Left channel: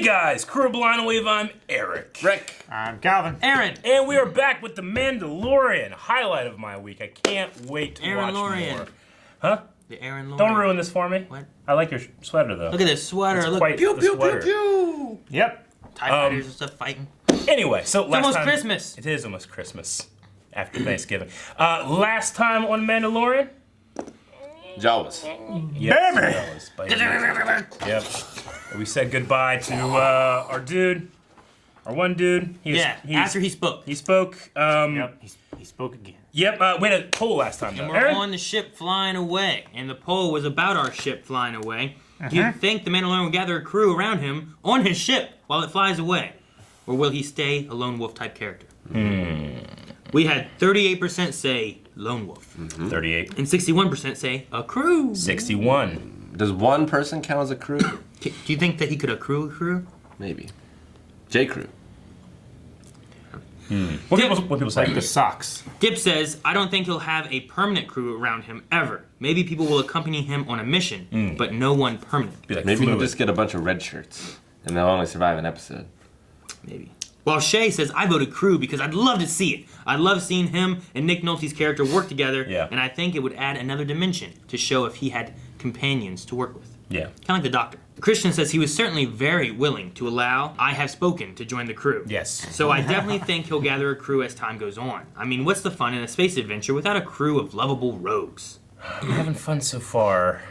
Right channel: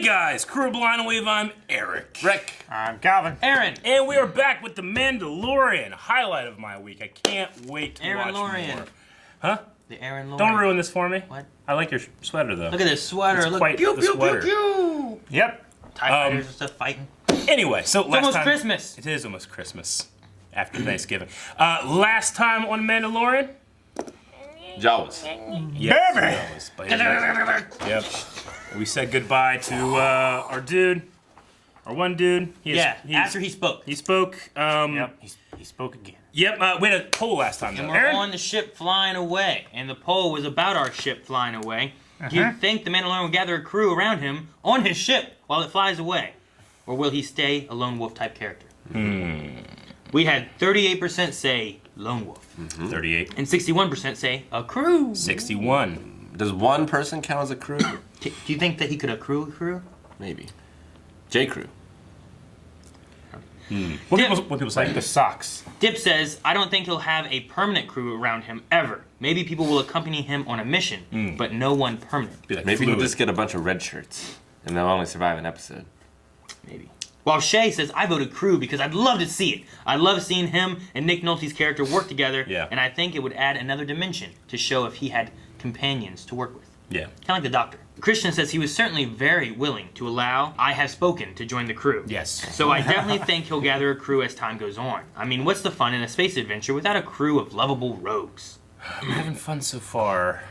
Hey guys, Crew Blind Wave, I'm Eric. Rick. I'm Calvin. Aaron. And we are back with the Mandalorian, highlight of my week. I can't wait to watch more. Huh? The Aaron Lorian. Don't ruin this for me. What? I like your sweater though. Look at this sweater. It's Look. quite Pew, the pew, sweater. pew, pew. Yep. TIE fighters and stuff fighting. Anyway, so It's last almost time, Christmas. It is almost Christmas. After Thanksgiving. Last time on Mandalorian? Jawas. Yes, Baby! Jawas, by any means. Yep. We said goodbye to our dude. Our one dude. After he spoke. He spoke. Yep, he spoke again. Yep, we had a poll last time. And though. we're Aaron? on the ship flying away. And the poll was about our ship flying away. Do you think the Mandalorian will gather a crew around him on his ship while it flies away? Or will he stay a lone wolf type character? We had 38% say lone wolf. 38. And 61% say a crew. 61. Does one person count as a crew? Do you think that he could accrue a crew? Maybe. J crew. What people say? Like the socks. Dip says, I don't think he'll have a permanent crew around him ever. Maybe people will accompany him on a mission, but no one permanent. Be like Maybe he'll fluid. just get a bunch of red shirts and they'll only survive an episode. Maybe. While Shay says, I voted crew because I'd love to see it. I love seeing him and Nick Nolte's character work together, and I think it would add another dimension to show if he had companions to work with. Yeah. Kind of like the Doctor. Christian says he was certainly very willing to allow I Have Spoken to join the crew. Yes. So I definitely think he'll gather a crew as time goes on. I mean, what's the fun in a space adventure without a crew of lovable rogues? I'm having fun so far.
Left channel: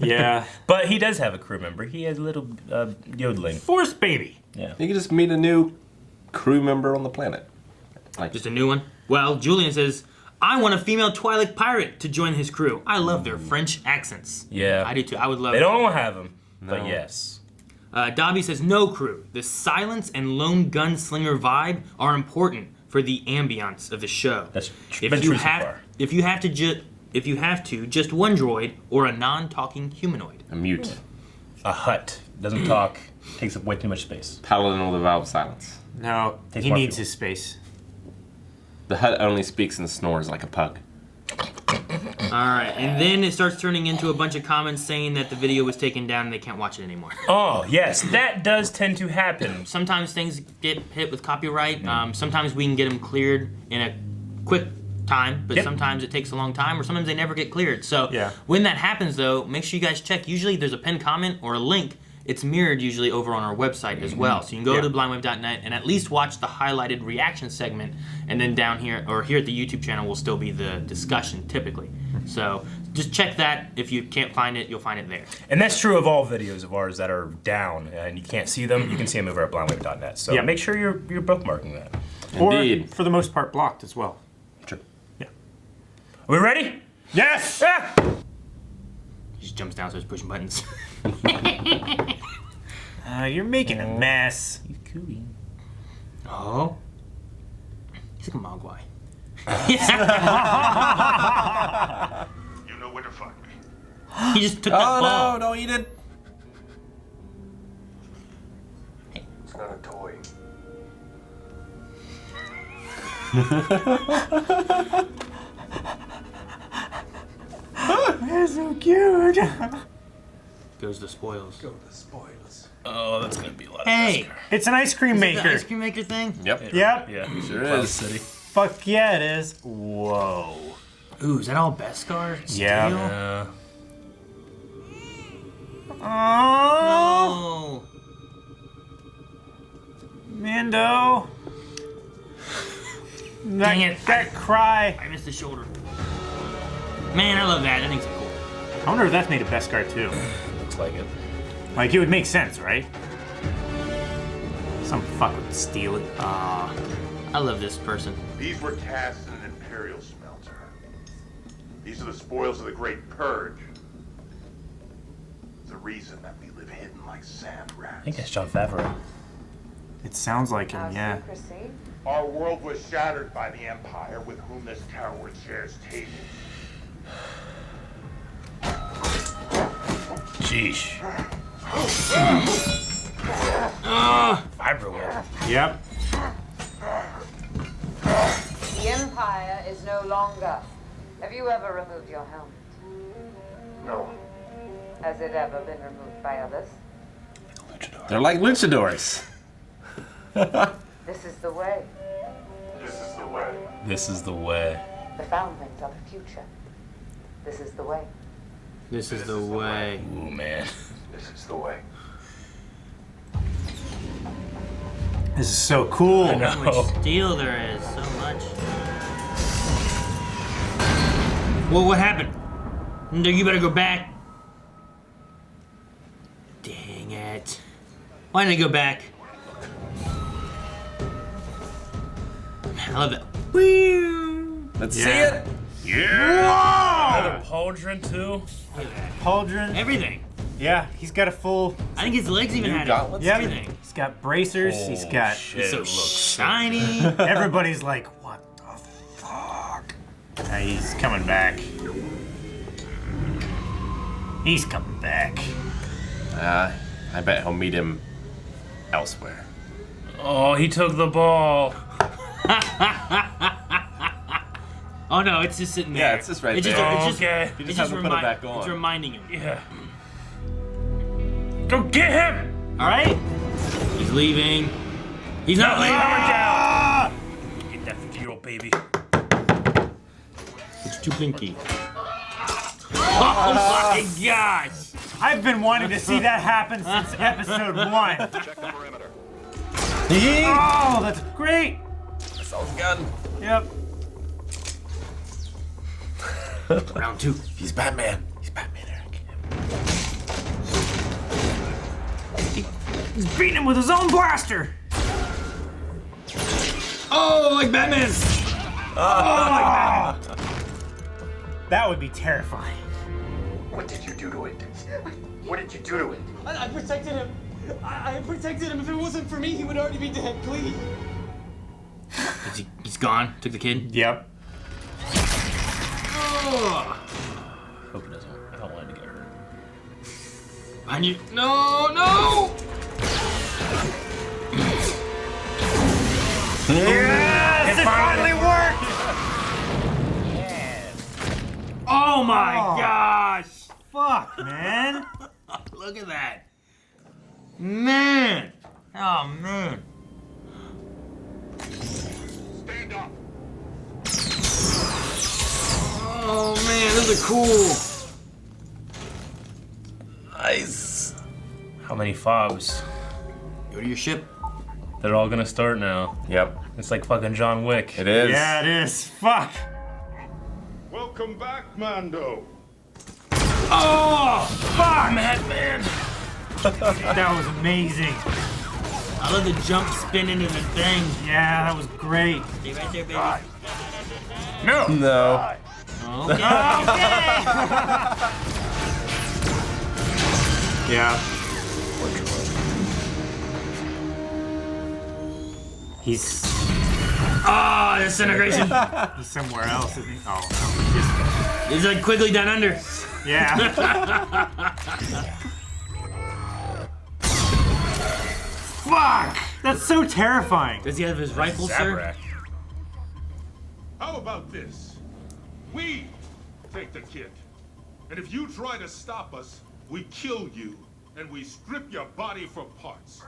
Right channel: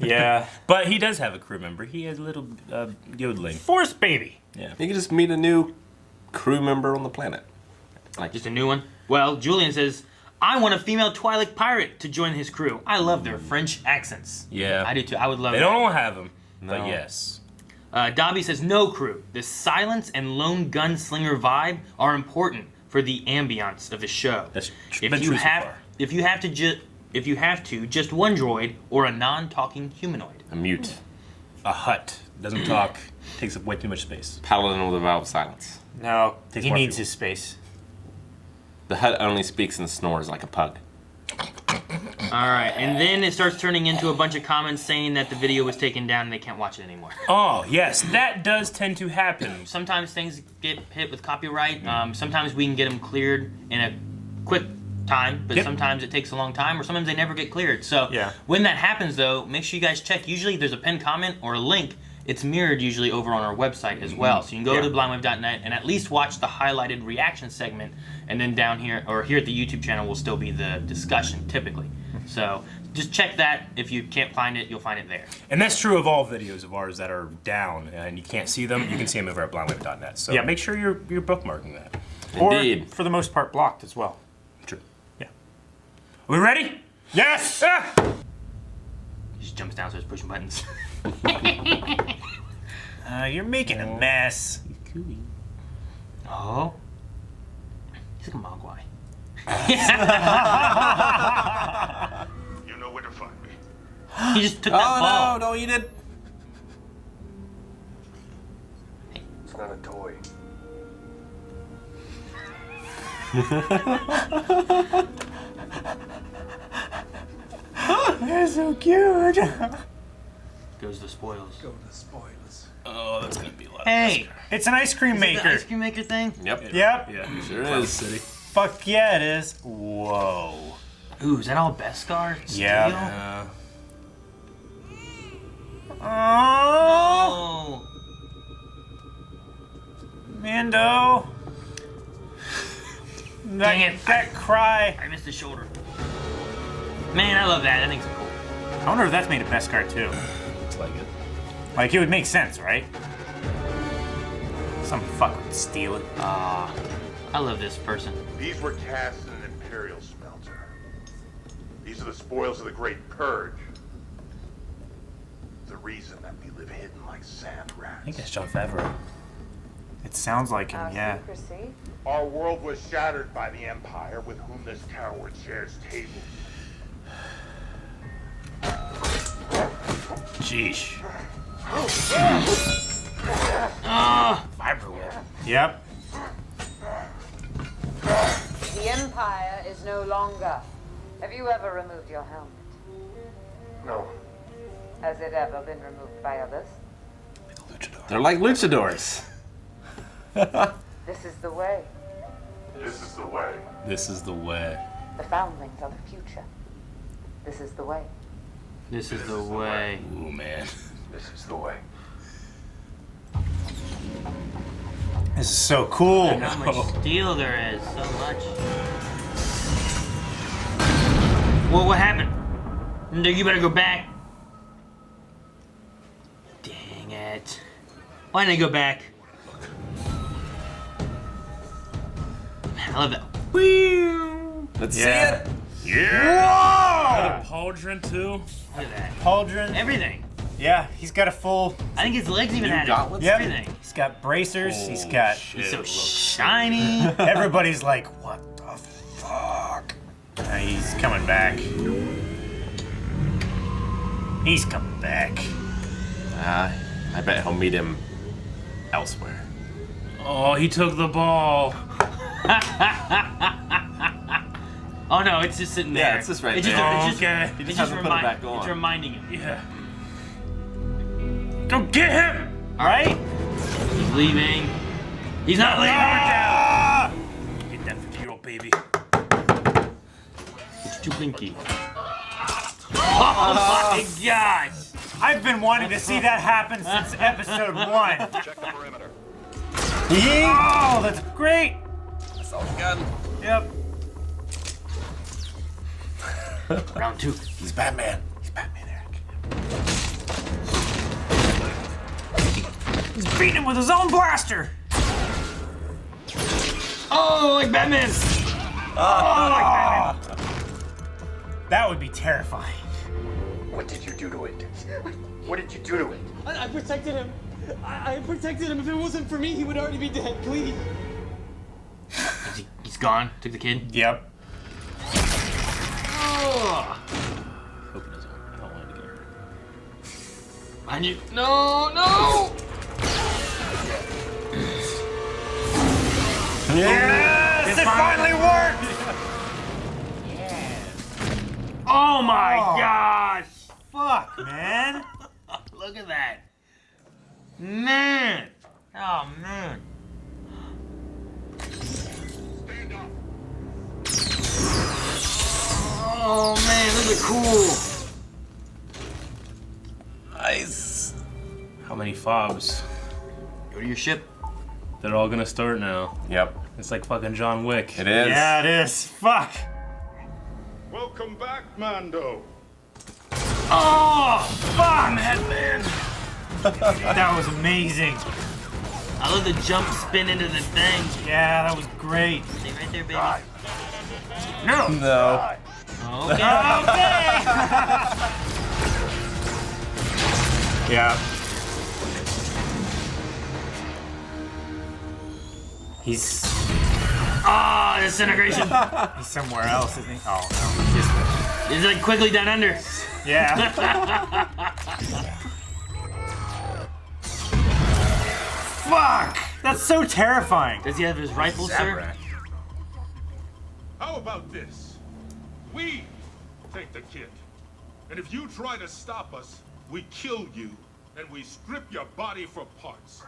Yeah. But he does have a crew member. He has a little yodeling. Force baby. Yeah. You can just meet a new crew member on the planet. Like, Just a new one? Well, Julian says, I want a female Twi'lek pirate to join his crew. I love their French accents. Yeah. I do too. I would love They it. don't all have them. No. But yes. Dobby says, no crew. The silence and lone gunslinger vibe are important for the ambiance of the show. That's If been you true so have, far. if you have to, just one droid or a non-talking humanoid. a mute. A hut. Doesn't talk. Takes up way too much space. Paladin with a vow of silence. No, Takes he more needs people. his space. The hut only speaks and snores like a pug. Alright, and then it starts turning into a bunch of comments saying that the video was taken down and they can't watch it anymore. Oh, yes. That does tend to happen. Sometimes things get hit with copyright. Sometimes we can get them cleared in a quick time, but Yep. sometimes it takes a long time, or sometimes they never get cleared. So Yeah. when that happens, though, make sure you guys check. Usually there's a pinned comment or a link. It's mirrored usually over on our website as well. So you can go to blindwave.net and at least watch the highlighted reaction segment, and then down here, or here at the YouTube channel, will still be the discussion typically. So just check that. If you can't find it, you'll find it there. And that's true of all videos of ours that are down and you can't see them. You can see them over at blindwave.net. So Yeah. make sure you're bookmarking that. Indeed. Or, for the most part, blocked as well. True. Yeah. Are we ready? Yes! Yeah. He just jumps down, starts pushing buttons. You're making a mess. Oh. He's like a mogwai. You know where to find me. He just took that ball. no, you did. It's not a toy. You're so cute. Goes the spoils. Go to spoilers. Oh, that's going to be a lot of Hey! It's an ice cream The maker. ice cream maker thing? Yep. Yep. Yeah. Sure Cloud is. City. Fuck yeah, it is. Whoa. Ooh, is that all Beskar? Yeah. Yeah. Oh, Oh. Mando. Dang it. That cry. I missed the shoulder. Man, I love that. That thing's cool. I wonder if that's made of Beskar too. Looks like it. Like, it would make sense, right? Some fuck would steal it. Aw. I love this person. These were cast in an Imperial smelter. These are the spoils of the Great Purge. The reason that we live hidden like sand I rats. think that's John Favreau. It sounds like him, Our yeah. secrecy. Our world was shattered by the Empire, with whom this tower shares tables. Sheesh. Favreau. Yep. The Empire is no longer. Have you ever removed your helmet? No. Has it ever been removed by others? Luchador. They're like luchadors. This is the way. This is the way. This is the way. The foundlings are the future. This is the way. This is the way. Ooh, man. This is the way. This is so cool. How much steel there is. So much. Well, what happened? No, you better go back. Dang it. Why didn't I go back? Man, I love that. Let's see it. Yeah. The pauldron, too. Pauldron. Everything. Yeah, he's got a full. I think his legs even New had gauntlets? it. Yeah, Everything. he's got bracers. He's Oh, got. shit, So it looks shiny. Everybody's like, what the fuck? He's coming back. He's coming back. I bet he'll meet him elsewhere. Oh, he took the ball. Oh no, it's just sitting there. Yeah, it's just right there. Okay. He just hasn't put it back on. It's reminding him. Yeah. Go get him! All right. He's leaving. He's not leaving. Get that 50-year-old baby. It's too pinky. Oh my gosh! I've been wanting to see that happen since episode 1. Check the perimeter. Oh, that's great. That's all we got. Yep. Round 2. He's Batman. He's Batman, Eric. He's beating him with his own blaster. Oh, like Batman. That would be terrifying. What did you do to it? What did you do to it? I protected him. I protected him. If it wasn't for me, he would already be dead. Please. He's gone. Took the kid. Yep. Hope he doesn't. I don't want him to get hurt. Behind you. No, no! Yes, it finally worked. Oh my gosh! Fuck, man. Look at that. Man! Oh man. Stand up. Oh man, those are cool. Nice. How many fobs? Go to your ship. They're all gonna start now. Yep, It's like fucking John Wick. it is. Yeah, it is. Fuck. Welcome back, Mando. Oh! Fuck, man! That was amazing. I love the jump spin into the thing. Yeah, that was great. Stay right there, baby. Die. No! No. Die. Okay. Yeah. He's Disintegration. he's somewhere else, isn't he? Oh. It's like quickly down under. Yeah. Fuck! That's so terrifying. Does he have his rifle, sir? How about this? We take the kid. And if you try to stop us, we kill you and we strip your body for parts.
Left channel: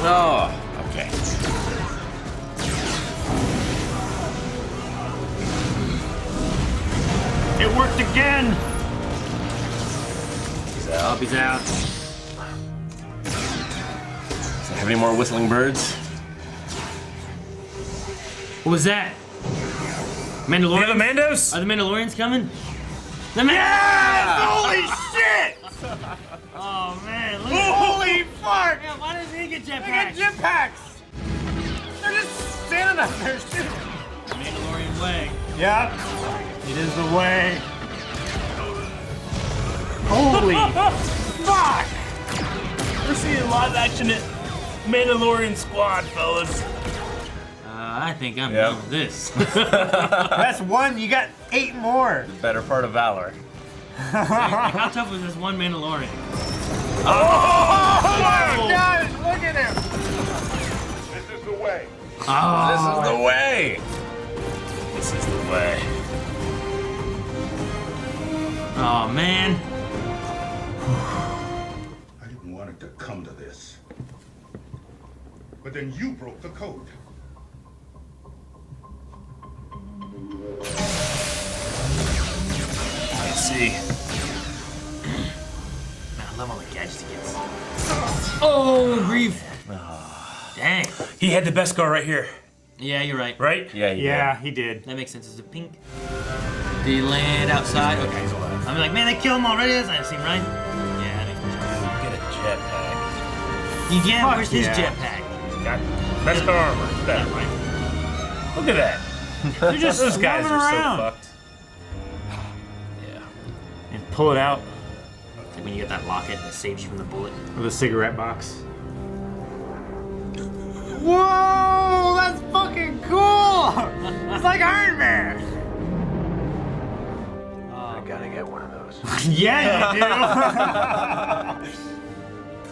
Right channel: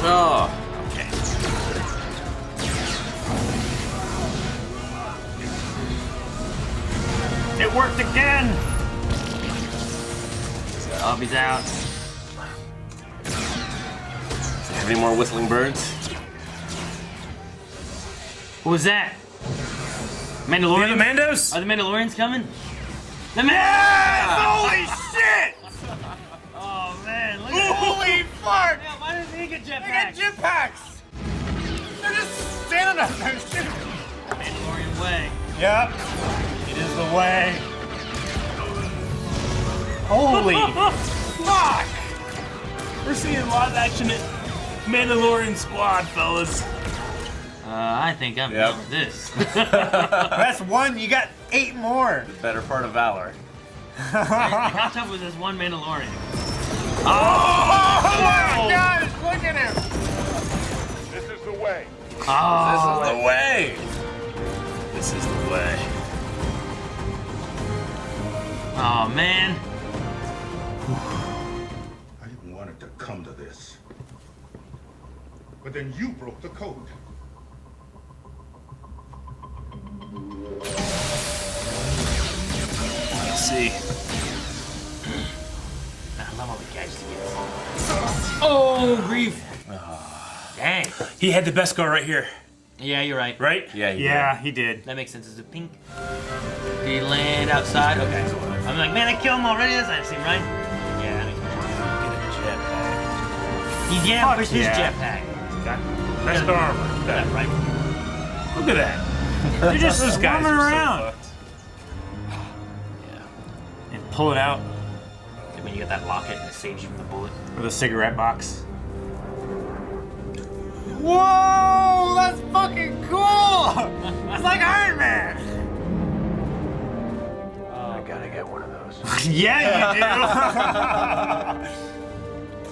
Oh, okay. It worked again. Bobby's out. Any more whistling birds? What was that? Mandalorian? The Mandos? Are the Mandalorians coming? The Holy shit! Oh man, look at Holy fuck! that. Why didn't they get They got jetpacks? jetpacks. They're just standing up there. Mandalorian way. Yep. It is the way. Holy fuck! We're seeing live action Mandalorian squad, fellas. I think I'm Yep. done with this. That's one. You got 8 more. Better part of valor. How tough was this one Mandalorian? Guys, look at him. This is the way. This is the way. This is the way. Oh man. want it to come to this. But then you broke the code. Let's see. I love all the gadgets he gets. Oh, grief. Dang. He had the best scar right here, Yeah, you're right. right? Yeah, Yeah, he did. That makes sense. It's a pink. Did he land outside? Okay. I'm like, man, they killed him already? That doesn't seem right. Yeah, that makes sense. Get a jetpack. Yeah, where's his yeah. jetpack? He's got best scar. That right. Look at that. They're just Those guys swarming are so around. fucked. And pull it out And when you get that locket, it saves you from the bullet. with a cigarette box. Whoa, that's fucking cool! It's like Iron Man! I gotta get one of those. Yeah, you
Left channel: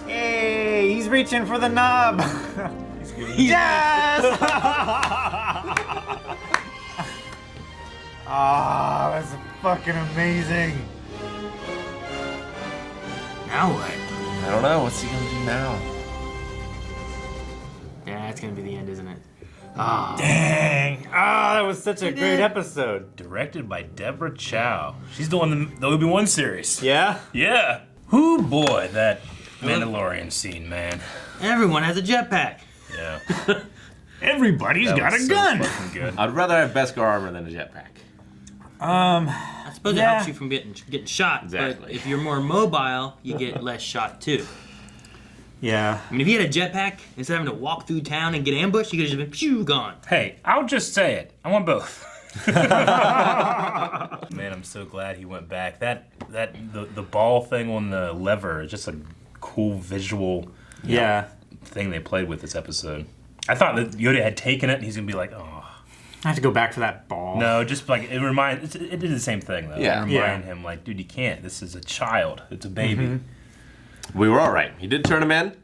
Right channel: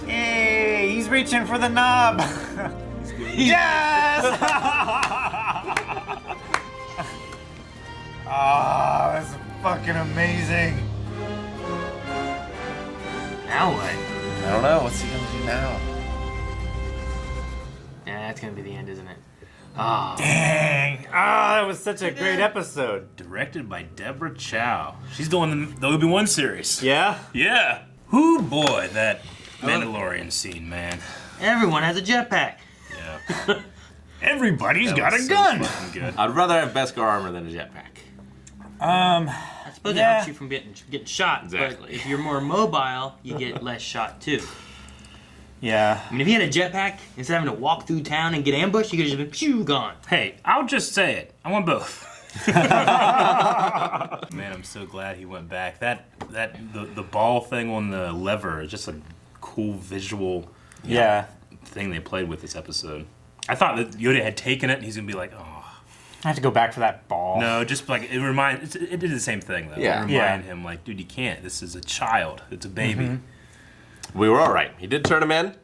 do! Hey, he's reaching for the knob! Yes! Ah, that's fucking amazing. Now what? I don't know. What's he gonna do now? Yeah, that's gonna be the end, isn't it? Ah. Dang! Ah, that was such a great episode. Directed by Deborah Chow. She's doing the Obi-Wan series. Yeah? Yeah. Whoo boy, that Mandalorian scene, man. Everyone has a jetpack. Yeah. Everybody's That got a was so gun! fucking good. I'd rather have Beskar armor than a jetpack. I suppose it Yeah. helps you from getting shot. Exactly. But if you're more mobile, you get less shot too. Yeah. I mean, if you had a jetpack, instead of having to walk through town and get ambushed, you could just been pew gone. Hey, I'll just say it. I want both. Man, I'm so glad he went back. The ball thing on the lever is just a cool visual Yeah. thing they played with this episode. I thought that Yoda had taken it and he's gonna be like, oh. I have to go back for that ball. No, just like it did the same thing though. Yeah. It reminded him like, dude, you can't. This is a child. It's a baby. We were all right. He did turn him in,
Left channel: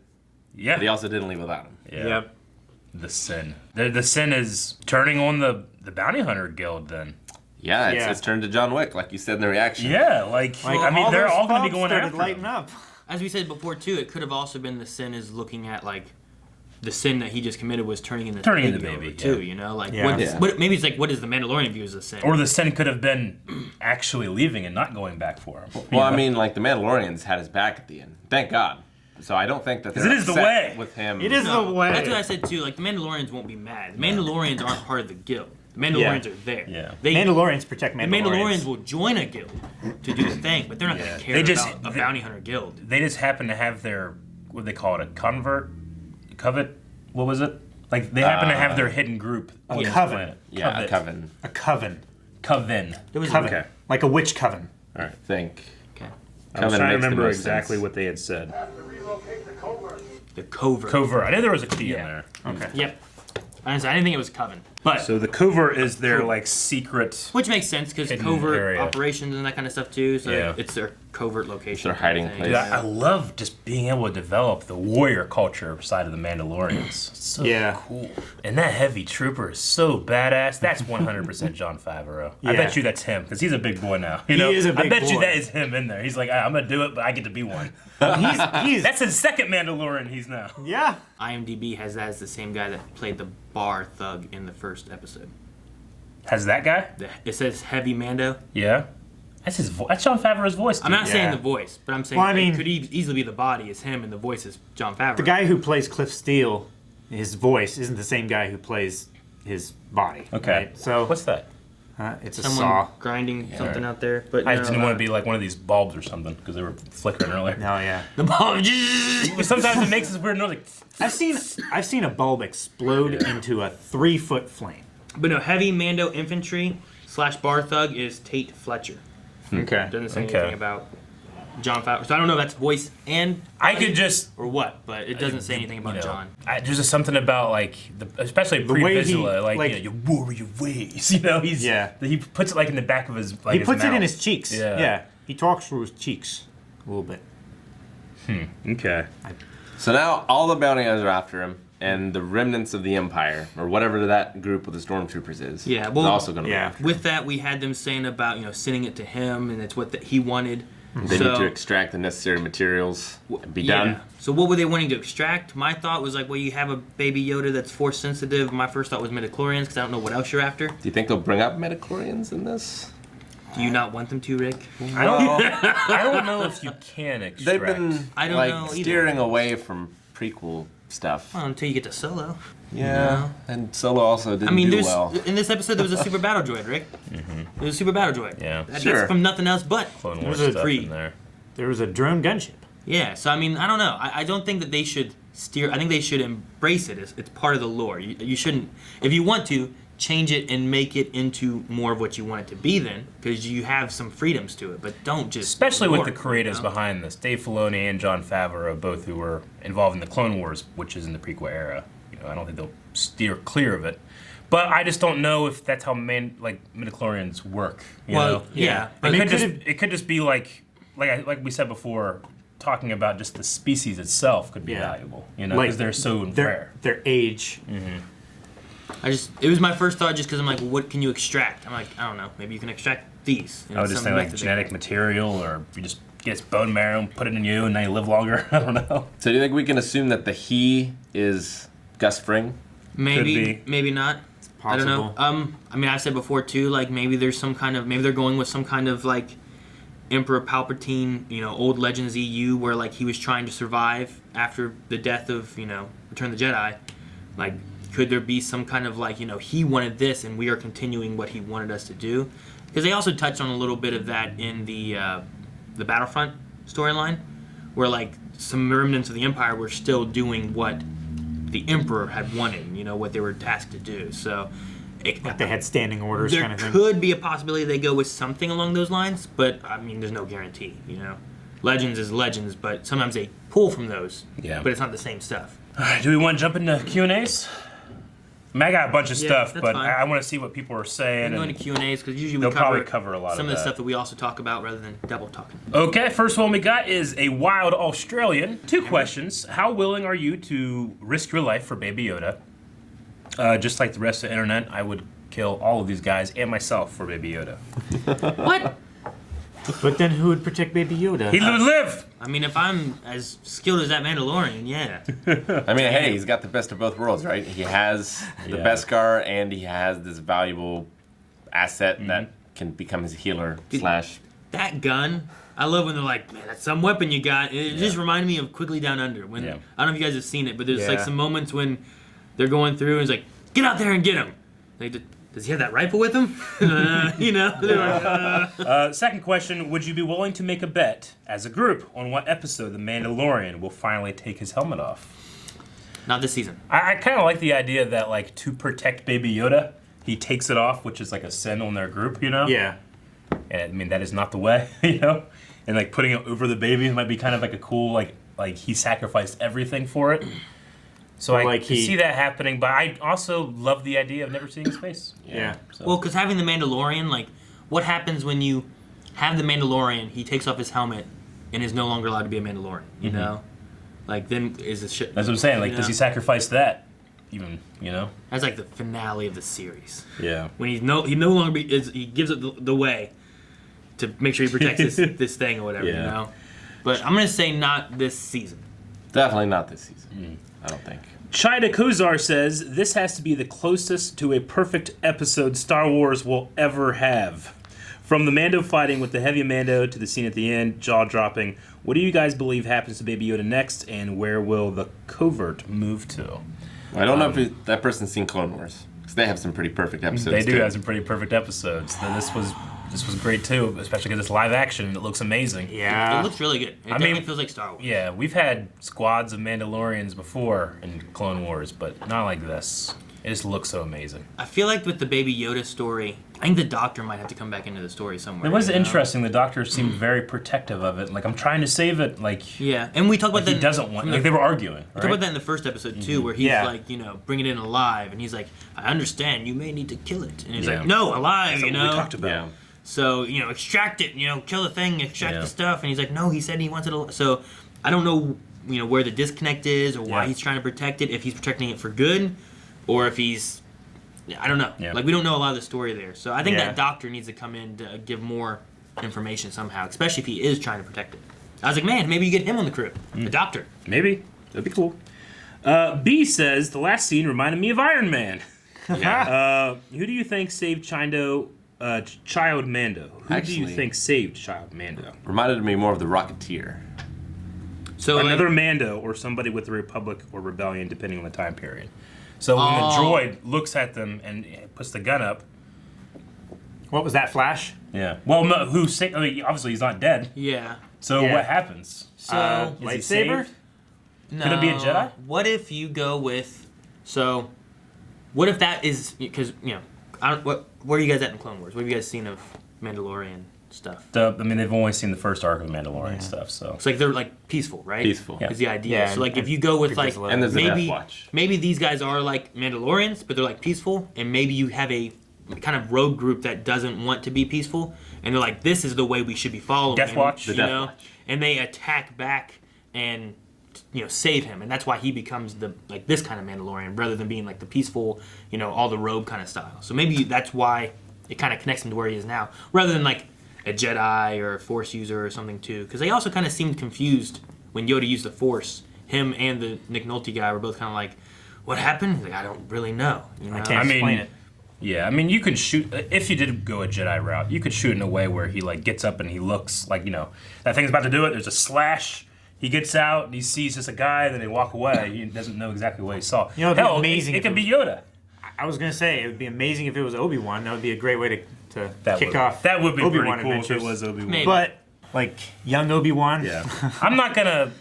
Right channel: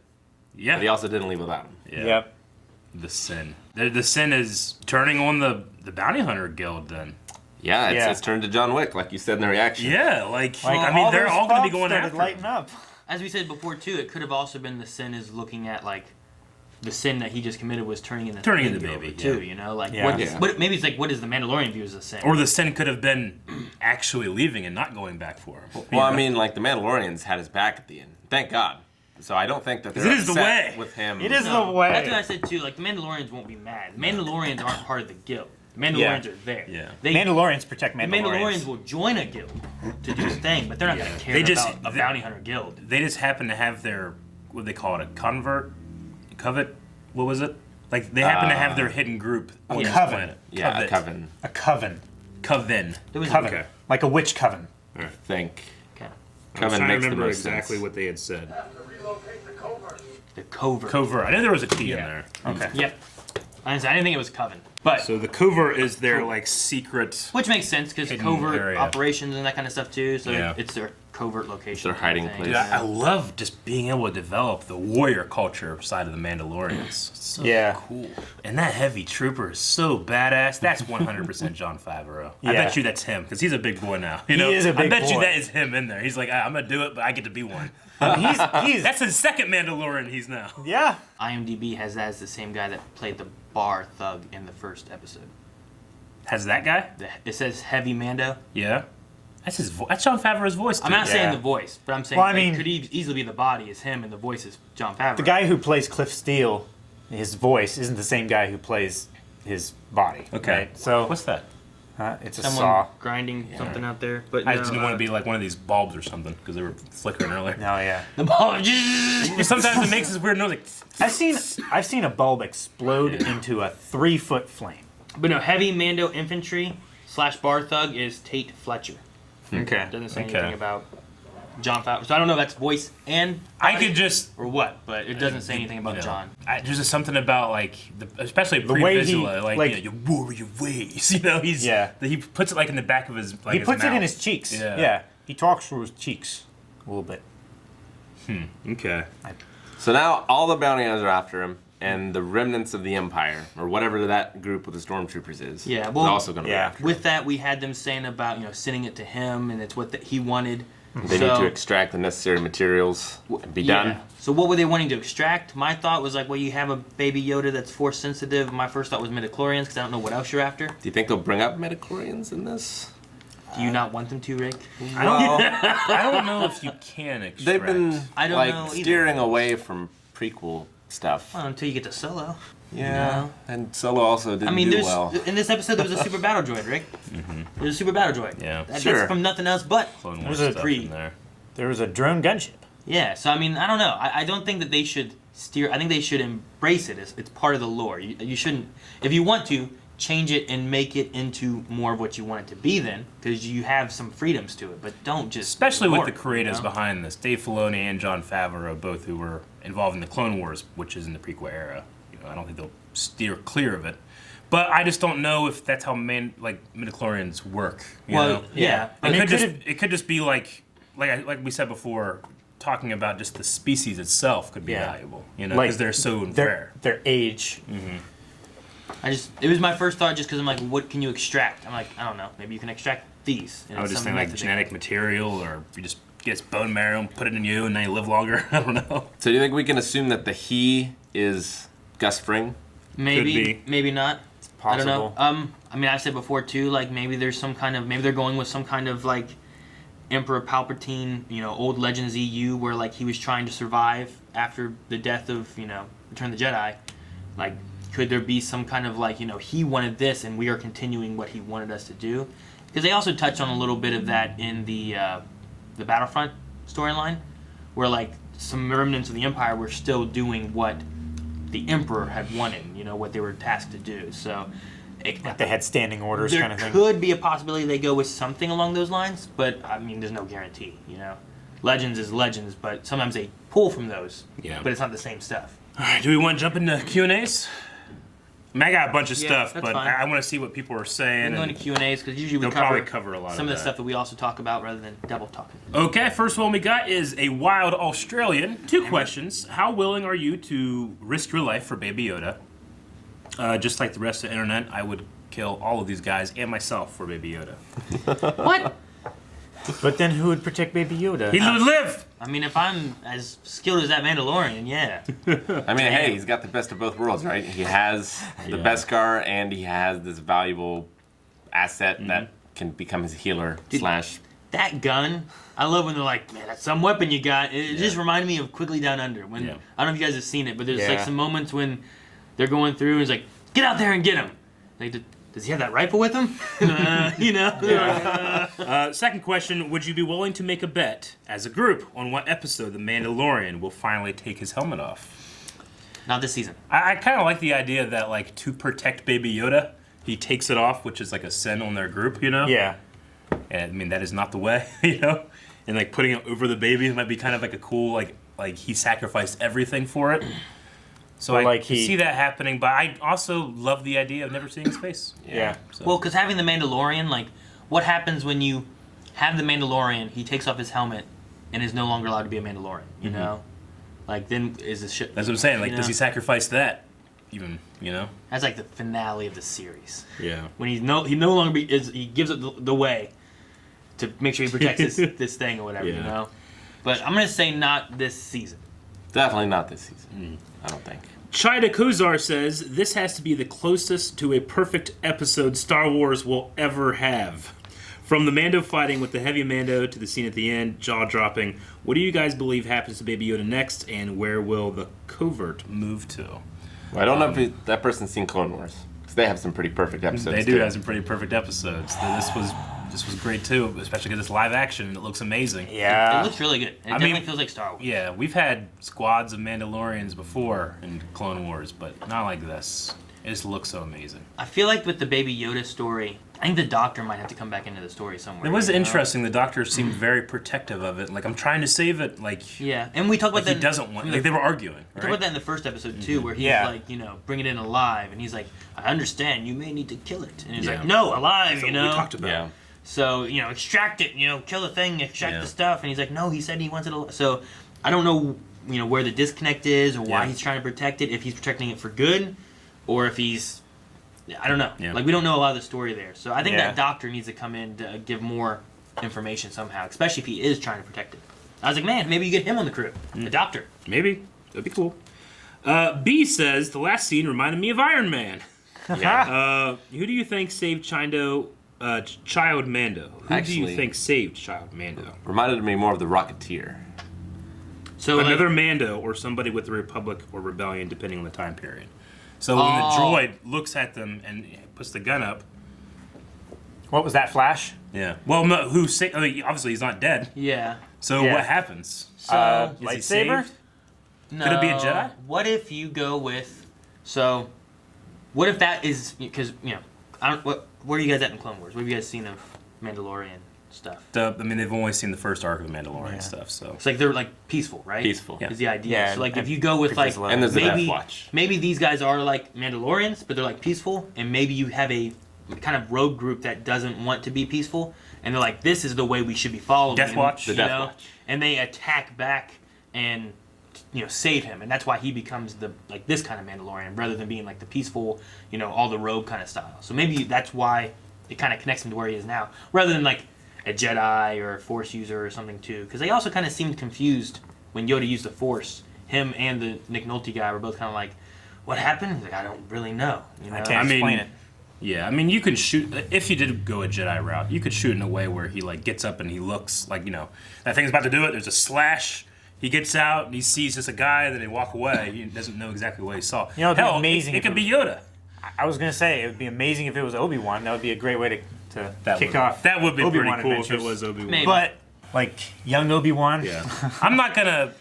Yeah. but he also didn't leave without him. Yeah. Yep. The sin. The sin is turning on the bounty hunter guild then. Yeah, Yeah. it's turned to John Wick, like you said in the reaction. Yeah, like Like, I mean, they're those all gonna be fogs going started after lighting him. up. As we said before too, it could have also been the sin is looking at like the sin that he just committed was turning into Turning the into baby baby, too. yeah. You know, like Yeah. what, Yeah. what maybe it's like what does the Mandalorian view as a sin? Or the sin could have been actually leaving and not going back for him. Well, I mean, like the Mandalorians had his back at the end. Thank God. So I don't think that they're It is the upset way. with him. It is No, the way. That's what I said too. Like the Mandalorians won't be mad. The Mandalorians aren't part of the guild. The Mandalorians are there. Yeah. They, Mandalorians protect the Mandalorians. Mandalorians will join a guild to do a thing, but they're not Yeah. going to care They just- about a bounty hunter guild. They just happen to have their what do they call it, a covet? What was it? Like they happen to have their hidden group on this coven. planet. Yeah, a coven. A coven. Coven. There was Coven. Okay. Like a witch coven. I think. Okay. I was Coven trying to makes the remember most exactly sense. what they had said. The covert. Covert. I knew there was a T in Yeah. there. Okay. Yep. Honestly, I didn't think it was coven, but So the covert is their like secret. which makes sense because Hidden covert area. operations and that kind of stuff too. So Yeah. it's their covert location. It's their hiding thing. place. Dude, I love just being able to develop the warrior culture side of the Mandalorians. It's so Yeah. cool. And that heavy trooper is so badass. That's 100% John Favreau. I Yeah. bet you that's him because he's a big boy now. You He know? is a I big bet you boy. that is him in there. He's like, I'm gonna do it, but I get to be one. He's That's his second Mandalorian. He's now. yeah. IMDb has that as the same guy that played the bar thug in the first episode. Has that guy? It says Heavy Mando. Yeah. That's his. That's John Favreau's voice. I'm not dude. saying Yeah. the voice, but I'm saying Well, I mean- it could easily be the body is him and the voice is John Favreau. The guy who plays Cliff Steele, his voice isn't the same guy who plays his body. Okay. Right? So What's that? it's a Someone saw. grinding something out there, but I no, just didn't want to be like one of these bulbs or something because they were flickering earlier. Oh yeah. the ball. Sometimes it makes this weird noise like. I've seen a bulb explode into a 3-foot flame. But no, Heavy Mando Infantry / bar thug is Tate Fletcher. Okay. Doesn't say Okay. anything about John Favreau. So I don't know if that's voice and I body could just. or what, but it doesn't say anything about You know, John. There's just something about like, especially The way pre-visual, he- like, like- you know, your warrior ways. You know, he puts it like in the back of his. Like, He his puts it in mouth. his cheeks. Yeah. Yeah. He talks through his cheeks a little bit. Okay. So now all the bounty hunters are after him, and the remnants of the Empire, or whatever that group with the stormtroopers is, Yeah, is well- also going to Yeah. be after With that, we had them saying about sending it to him, and it's what he wanted. They need to extract the necessary materials and be done. So what were they wanting to extract? My thought was like, well, you have a baby Yoda that's force sensitive. My first thought was midichlorians because I don't know what else you're after. Do you think they'll bring up midichlorians in this? Do you not want them to, Rick? I don't know if you can extract. They've been I don't know either. steering away from prequel stuff. Until you get to Solo. Yeah, and Solo also didn't do well. In this episode there was a super battle droid, Rick. There was a super battle droid. Yeah. That's Sure. from nothing else but Clone Wars There's a stuff pre- in there. There was a drone gunship. Yeah, so I mean, I don't know. I don't think that they should steer. I think they should embrace it. It's part of the lore. You shouldn't, if you want to, change it and make it into more of what you want it to be then, because you have some freedoms to it, but don't just... Especially with the creators you know? behind this. Dave Filoni and Jon Favreau, both who were involved in the Clone Wars, which is in the prequel era. I don't think they'll steer clear of it. But I just don't know if that's how midichlorians work. You know? Yeah. But But it could just be like we said before, talking about just the species itself could be valuable. Because they're so rare. Their age. it was my first thought just because I'm like, what can you extract? I'm like, I don't know. Maybe you can extract these. I would just think like genetic material, or you just get its bone marrow and put it in you, and now you live longer. I don't know. So do you think we can assume that the he is Gus Fring? Maybe, maybe not. I don't know. Possible. I mean, I said before too. Like maybe there's some kind of maybe they're going with some kind of like Emperor Palpatine, old Legends EU, where like he was trying to survive after the death of Return of the Jedi. Like, could there be some kind of like he wanted this and we are continuing what he wanted us to do? Because they also touched on a little bit of that in the Battlefront storyline, where like some remnants of the Empire were still doing what the Emperor had wanted, what they were tasked to do. So Like they had standing orders there kind of thing. could be a possibility they go with something along those lines, but I mean, there's no guarantee. Legends is Legends, but sometimes they pull from those. Yeah. But it's not the same stuff. All right, do we want to jump into Q&As? I got a bunch of Yeah, stuff, that's but fine. I want to see what people are We saying. can go and- into Q&As because usually we They'll probably cover a lot some of of the that. stuff that we also talk about rather than double talking. Okay, first one we got is a wild Australian. 2 questions. How willing are you to risk your life for Baby Yoda? Just like the rest of the internet, I would kill all of these guys and myself for Baby Yoda. What? But then who would protect Baby Yoda? He would live! I mean, if I'm as skilled as that Mandalorian, yeah. I mean, hey, he's got the best of both worlds, right? He has the Beskar, and he has this valuable asset that can become his healer slash... That gun, I love when they're like, man, that's some weapon you got. It just reminded me of Quickly Down Under. When I don't know if you guys have seen it, but there's like some moments when they're going through and it's like, get out there and get him. Like, does he have that rifle with him? Second question, would you be willing to make a bet as a group on what episode the Mandalorian will finally take his helmet off? Not this season. I kind of like the idea that, like, to protect Baby Yoda, he takes it off, which is like a sin on their group, Yeah. And I mean, that is not the way, And like putting it over the baby might be kind of like a cool, like he sacrificed everything for it. So I like can see that happening, but I also love the idea of never seeing his face. Yeah. So. Well, because having the Mandalorian, like, what happens when you have the Mandalorian, he takes off his helmet, and is no longer allowed to be a Mandalorian, you know? Like, then is the shit... That's what I'm saying. Like, does he sacrifice that? Even, That's like the finale of the series. Yeah. When he no longer he gives up the way to make sure he protects this thing or whatever, But I'm gonna say not this season. Definitely not this season. I don't think. Chida Kozar says, this has to be the closest to a perfect episode Star Wars will ever have. From the Mando fighting with the heavy Mando to the scene at the end, jaw-dropping, what do you guys believe happens to Baby Yoda next, and where will the covert move to? Well, I don't know if that person's seen Clone Wars, because they have some pretty perfect episodes, They do too. have some pretty perfect episodes. This was great, too, especially because it's live action. It looks amazing. It Yeah. looks really good. It definitely feels like Star Wars. Yeah, we've had squads of Mandalorians before in Clone Wars, but not like this. It just looks so amazing. I feel like with the Baby Yoda story, I think the Doctor might have to come back into the story somewhere. It was you know? interesting. The Doctor seemed very protective of it. Like, I'm trying to save it. Like, Yeah, and we talked about he that. doesn't want. Like, they were arguing. We talked about that in the first episode too, where he's Yeah. like, bringing it in alive, and he's like, I understand, you may need to kill it, and he's Yeah. like, no, alive, That's what we talked about. Yeah. So, extract it, kill the thing, extract Yeah. the stuff. And he's like, no, he said he wants it alive. So, I don't know, where the disconnect is or why Yeah. he's trying to protect it, if he's protecting it for good or if I don't know. Yeah. Like, we don't know a lot of the story there. So, I think Yeah. that Doctor needs to come in to give more information somehow, especially if he is trying to protect it. I was like, man, maybe you get him on the crew, the doctor. Maybe. That'd be cool. B says, the last scene reminded me of Iron Man. Yeah. Who do you think saved Child Mando? Who do you Actually- think saved Child Mando? Reminded me more of the Rocketeer. So Another like, Mando or somebody with the Republic or Rebellion, depending on the time period. So when the droid looks at them and puts the gun up. What was that, Flash? Yeah. Well, no, I mean, obviously he's not dead. yeah. So Yeah. what happens? So Is he Lightsaber? saved? no, Could it be a Jedi? What if you go with? So, what if that is because I don't. Where are you guys at in Clone Wars? What have you guys seen of Mandalorian stuff? I mean, they've only seen the first arc of Mandalorian stuff, so. It's like they're like peaceful, right? Peaceful. Yeah. Is the idea. Yeah, So like if and you go with like people's And there's the Death maybe Watch. maybe these guys are like Mandalorians, but they're like peaceful, and maybe you have a kind of rogue group that doesn't want to be peaceful, and they're like, this is the way we should be following. Death and, Watch? The you Death know, Watch. and they attack back and save him, and that's why he becomes the like this kind of Mandalorian rather than being like the peaceful, all the rogue kind of style. So maybe that's why it kind of connects him to where he is now, rather than like a Jedi or a Force user or something too, because they also kind of seemed confused when Yoda used the Force. Him and the Nick Nolte guy were both kind of like, "What happened?" He's like, "I don't really know." I can't explain it. Yeah, I mean, you can shoot if you did go a Jedi route. You could shoot in a way where he like gets up and he looks like that thing's about to do it. There's a slash. He gets out and he sees just a guy. Then they walk away. He doesn't know exactly what he saw. It'd be Hell, amazing It if could be Yoda. I was gonna say it would be amazing if it was Obi-Wan. That would be a great way to kick off. That would be Obi-Wan pretty cool if it adventures. was Obi-Wan. Maybe. But like young Obi-Wan. Yeah, I'm not gonna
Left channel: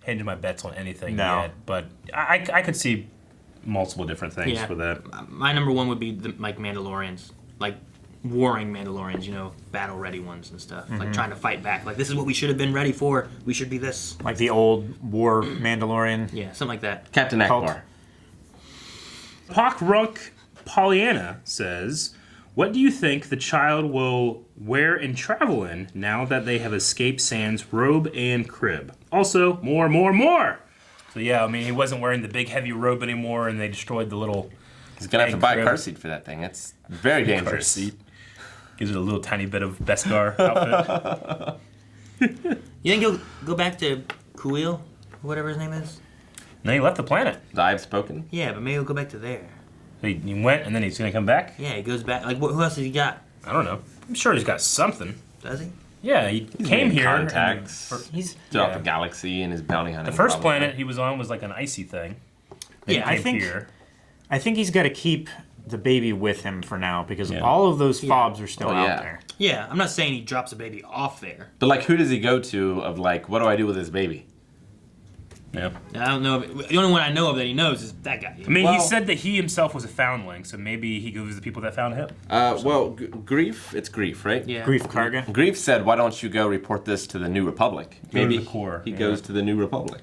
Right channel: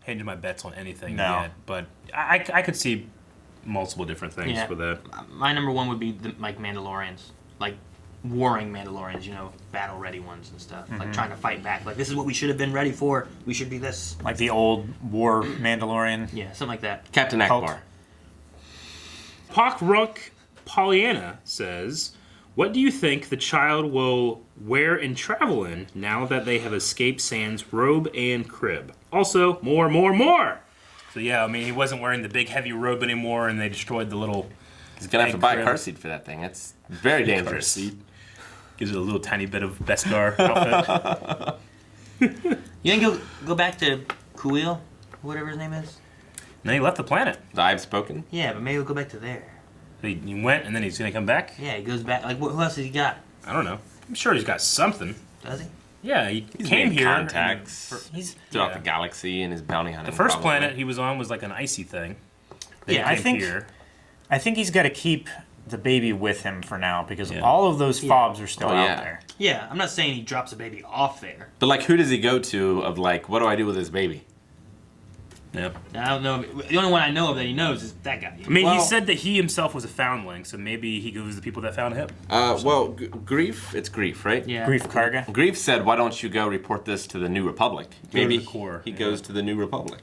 hinge my bets on anything No. yet, but I could see multiple different things Yeah. for that. My number one would be the like Mandalorians, like warring Mandalorians, battle ready ones and stuff, like trying to fight back. Like this is what we should have been ready for. We should be this. Like the old war Mandalorian. Yeah, something like that. Captain Cult. Akbar. Pokrunk Pollyanna says, what do you think the child will wear and travel in now that they have escaped Sans robe and crib? Also, more. So yeah, I mean, he wasn't wearing the big heavy robe anymore, and they destroyed the little He's gonna have to buy a crib. car seat for that thing. It's very dangerous. seat. Gives it a little tiny bit of Beskar outfit. You think go back to Kuil, whatever his name is? And then he left the planet. I've spoken. Yeah, but maybe we'll go back to there. He went, and then he's gonna come back. Yeah, he goes back. Like, who else has he got? I don't know. I'm sure he's got something. Does he? Yeah, he He's came made here. contacts He's throughout yeah. the galaxy and his bounty hunting. The first probably. planet he was on was like an icy thing. Then Yeah, he I came think- here. I think he's got to keep the baby with him for now because Yeah. all of those fobs are still Oh, out yeah. there. Yeah, I'm not saying he drops a baby off there. But like, who does he go to? Of like, what do I do with this baby? Yeah. I don't know. The only one I know of that he knows is that guy. I mean, Well- he said that he himself was a foundling, so maybe he goes to the people that found him. Well, Grief. It's Grief, right? Yeah. Grief Karga. Grief said, "Why don't you go report this to the New Republic?" Go to Maybe the core, he yeah. goes to the New Republic.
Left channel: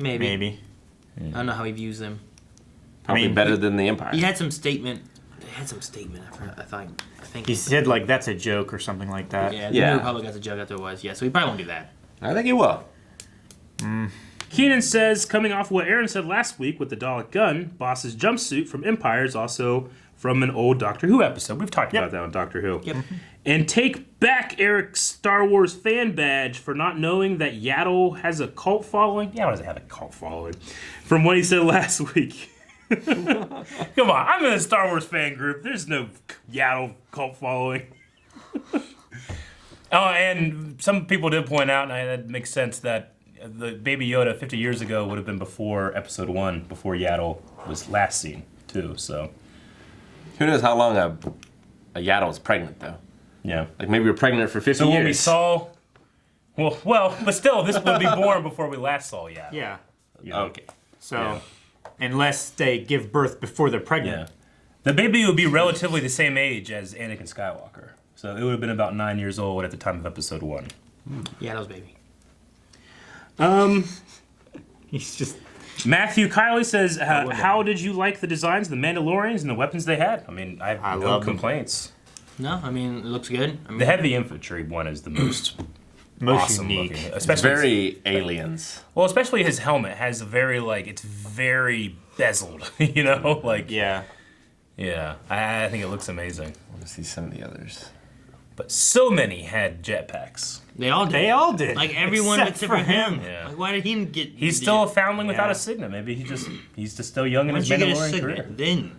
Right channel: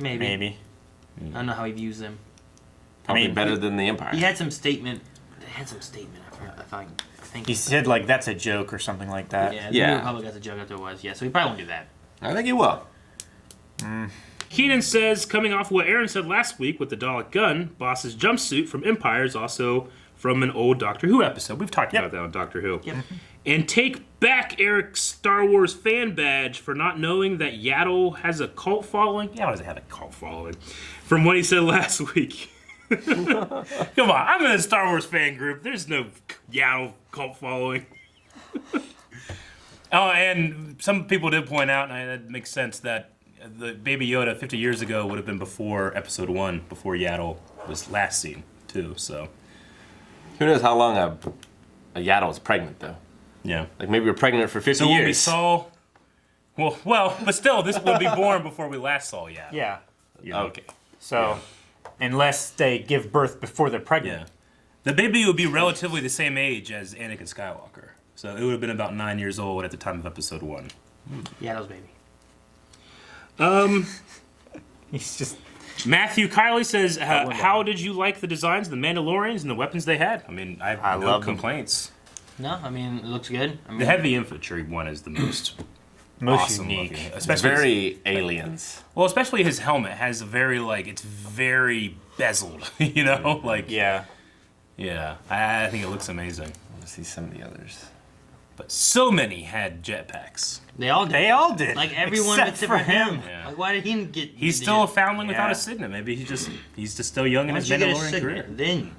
Maybe. Maybe. I don't know how he views them. Probably mean, better than the Empire. He had some statement. I think. He said like that's a joke or something like that. Yeah. Yeah. The Republic has a joke after it was. Yeah. So he probably won't do that. I think he will. Keenan says, coming off what Aaron said last week with the Dalek gun, Boss's jumpsuit from Empire is also from an old Doctor Who episode. We've talked about that on Doctor Who. Yep. And take back Eric's Star Wars fan badge for not knowing that Yaddle has a cult following. Yaddle doesn't have a cult following. From what he said last week. Come on, I'm in a Star Wars fan group. There's no Yaddle cult following. Oh, and some people did point out, and that makes sense, that the Baby Yoda 50 years ago would have been before Episode 1, before Yaddle was last seen, too, so. Who knows how long a Yaddle's pregnant though? Yeah. Like maybe we're pregnant for 50 So when we years. saw... Well, but still, this would be born before we last saw Yaddle. Yeah. Okay. So, unless they give birth before they're pregnant. Yeah. The baby would be relatively the same age as Anakin Skywalker. So it would have been about 9 years old at the time of Episode 1. Yaddle's baby. He's just Matthew Kiley says, how did you like the designs of the Mandalorians and the weapons they had? I mean, I have no love them. complaints. No, I mean it looks good. I mean, The heavy infantry one is the most awesome unique. looking. It's Especially very aliens. well, especially his helmet has a very it's very bezeled, Yeah. Yeah, I think it looks amazing. I want to see some of the others. but so many had jetpacks. They all did. They all did. Like everyone except except for him. Yeah. Like, why did he get? He's still a foundling without Yeah. a signet. Maybe he's just still young in Once his you get a Mandalorian signet, career. then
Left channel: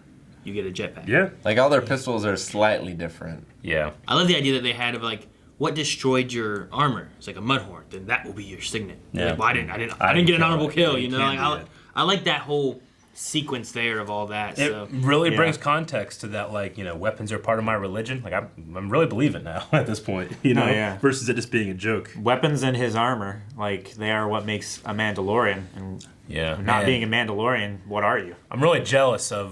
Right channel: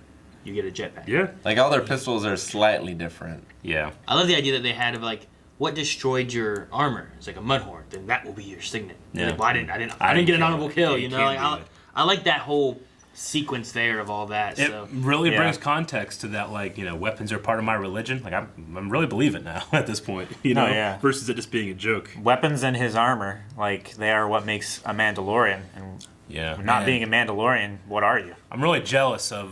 you get a jetpack. Yeah. Like all their pistols are slightly different. Yeah. I love the idea that they had of like, what destroyed your armor? It's like a mudhorn. Then that will be your signet. Yeah. Like, well, I didn't get an honorable kill. Yeah, You know, can't like, do that. I like that whole sequence there of all that. It So. really Yeah. brings context to that, like, weapons are part of my religion. Like, I'm really believing now at this point, yeah. versus it just being a joke. Weapons and his armor, like, they are what makes a Mandalorian. And Yeah. not man. being a Mandalorian, what are you? I'm really jealous of,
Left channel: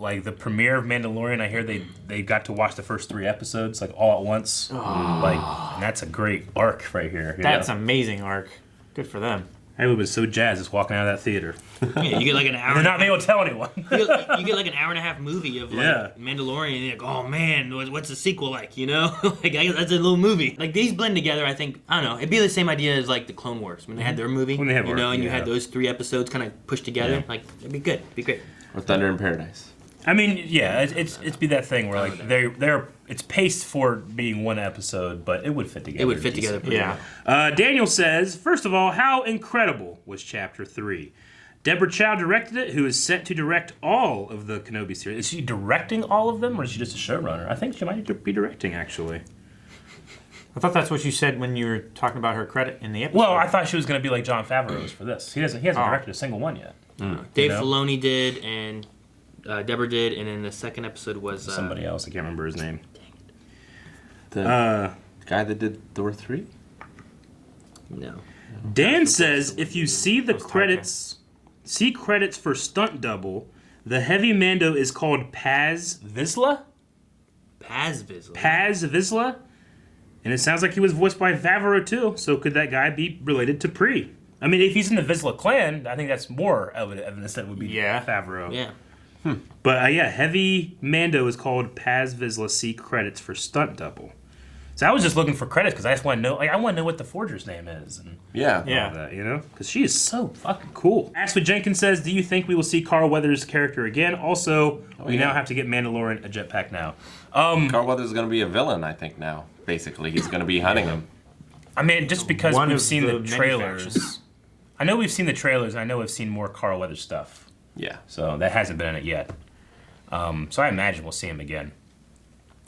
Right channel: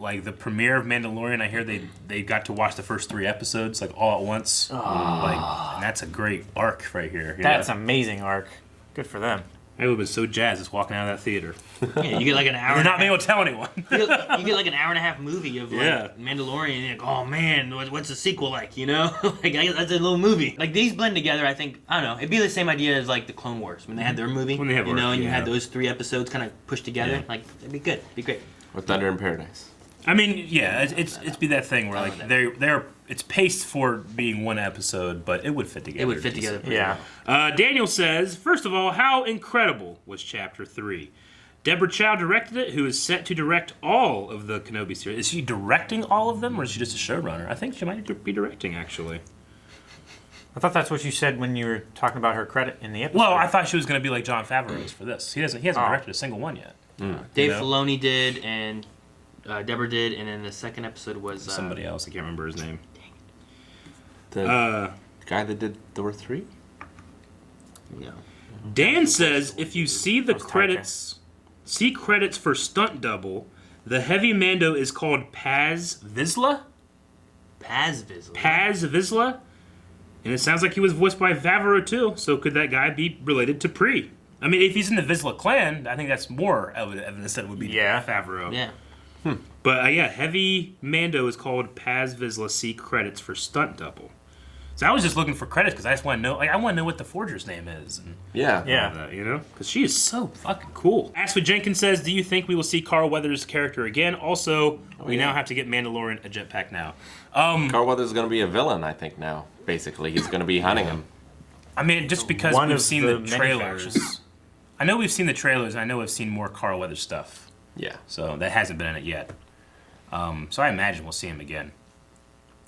like, the premiere of Mandalorian. I hear they got to watch the first 3 episodes, like, all at once. Like, and that's a great arc right here. That's an amazing arc. Good for them. I would have been so jazzed just walking out of that theater. Yeah, you get like an hour. They're not being able to tell anyone. You get like an hour and a half movie of like Yeah. Mandalorian. And you're like, oh man, what's the sequel like? You know, like that's a little movie. Like these blend together. I think I don't know. It'd be the same idea as like the Clone Wars when they had their movie. When they have you know, arc, and you yeah. had those 3 episodes kind of pushed together. Yeah. Like it'd be good. It'd be great. With Thunder in Paradise. I mean, yeah, it's be that thing where like they're it's paced for being 1 episode, but it would fit together. It would fit together pretty Yeah. well. Daniel says, first of all, how incredible was Chapter 3? Deborah Chow directed it, who is set to direct all of the Kenobi series. Is she directing all of them, or is she just a showrunner? I think she might be directing, actually. I thought that's what you said when you were talking about her credit in the episode. Well, I thought she was going to be like Jon Favreau's for this. He hasn't directed a single one yet. Dave You know? Filoni did, and Deborah did, and then the second episode was Somebody else, I can't remember his name. The guy that did Thor 3? No. Dan says if you see the credits, see credits for stunt double, the heavy Mando is called Paz Vizsla. Paz Vizsla. Paz Vizsla, and it sounds like he was voiced by Favreau too. So could that guy be related to Pre? I mean, if he's in the Vizsla clan, I think that's more evidence that it would be Favreau. Yeah. But yeah, heavy Mando is called Paz Vizsla. See credits for stunt double. So I was just looking for credits because I just want to know. Like, I want to know what the forger's name is. And Yeah. all that, because she is so fucking cool. Aspen Jenkins says, do you think we will see Carl Weathers' character again? Also, we now have to get Mandalorian a jetpack now. Carl Weathers is going to be a villain, I think, now. Basically, he's going to be hunting him. I mean, just because One we've of seen the the many trailers. factors. I know we've seen the trailers, and I know we've seen more Carl Weathers stuff. Yeah. So that hasn't been in it yet. So I imagine we'll see him again.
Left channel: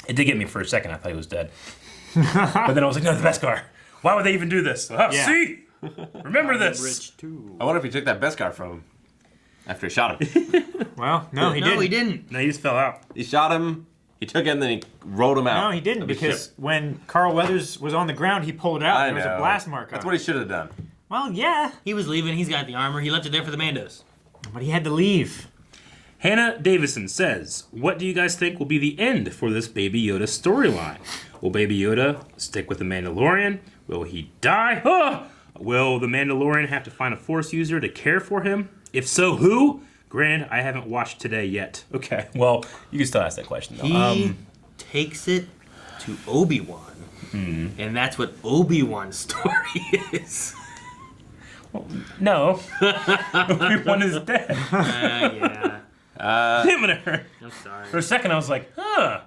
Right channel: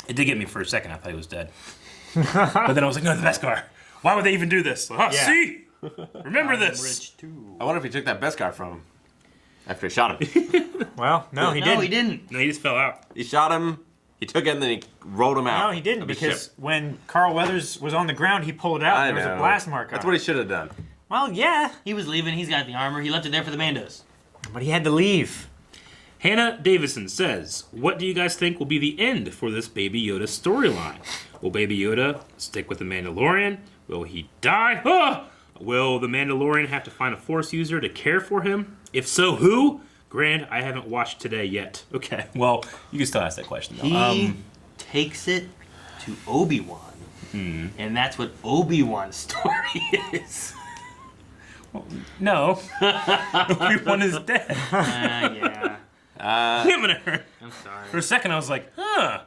It did get me for a second. I thought he was dead. But then I was like, no, the Beskar. Why would they even do this? Oh, Yeah. see? Remember this. Rich too. I wonder if he took that Beskar from him after he shot him. Well, no, he No, didn't. he didn't. No, he just fell out. He shot him, he took him, then he rolled him out. No, he didn't, of the because ship. when Carl Weathers was on the ground, he pulled it out. I And know. there was a blast mark on That's it. what he should have done. Well, yeah, He was leaving. He's got the armor. He left it there for the Mandos. but he had to leave. Hannah Davison says, what do you guys think will be the end for this Baby Yoda storyline? Will Baby Yoda stick with the Mandalorian? Will he die? Will the Mandalorian have to find a Force user to care for him? If so, who? Grant, I haven't watched today yet. Okay, well, you can still ask that question. Though. He takes it to Obi-Wan. And that's what Obi-Wan's story is. No. Obi-Wan is dead. Yeah. Damn it. I'm sorry. For a second, I was like, huh.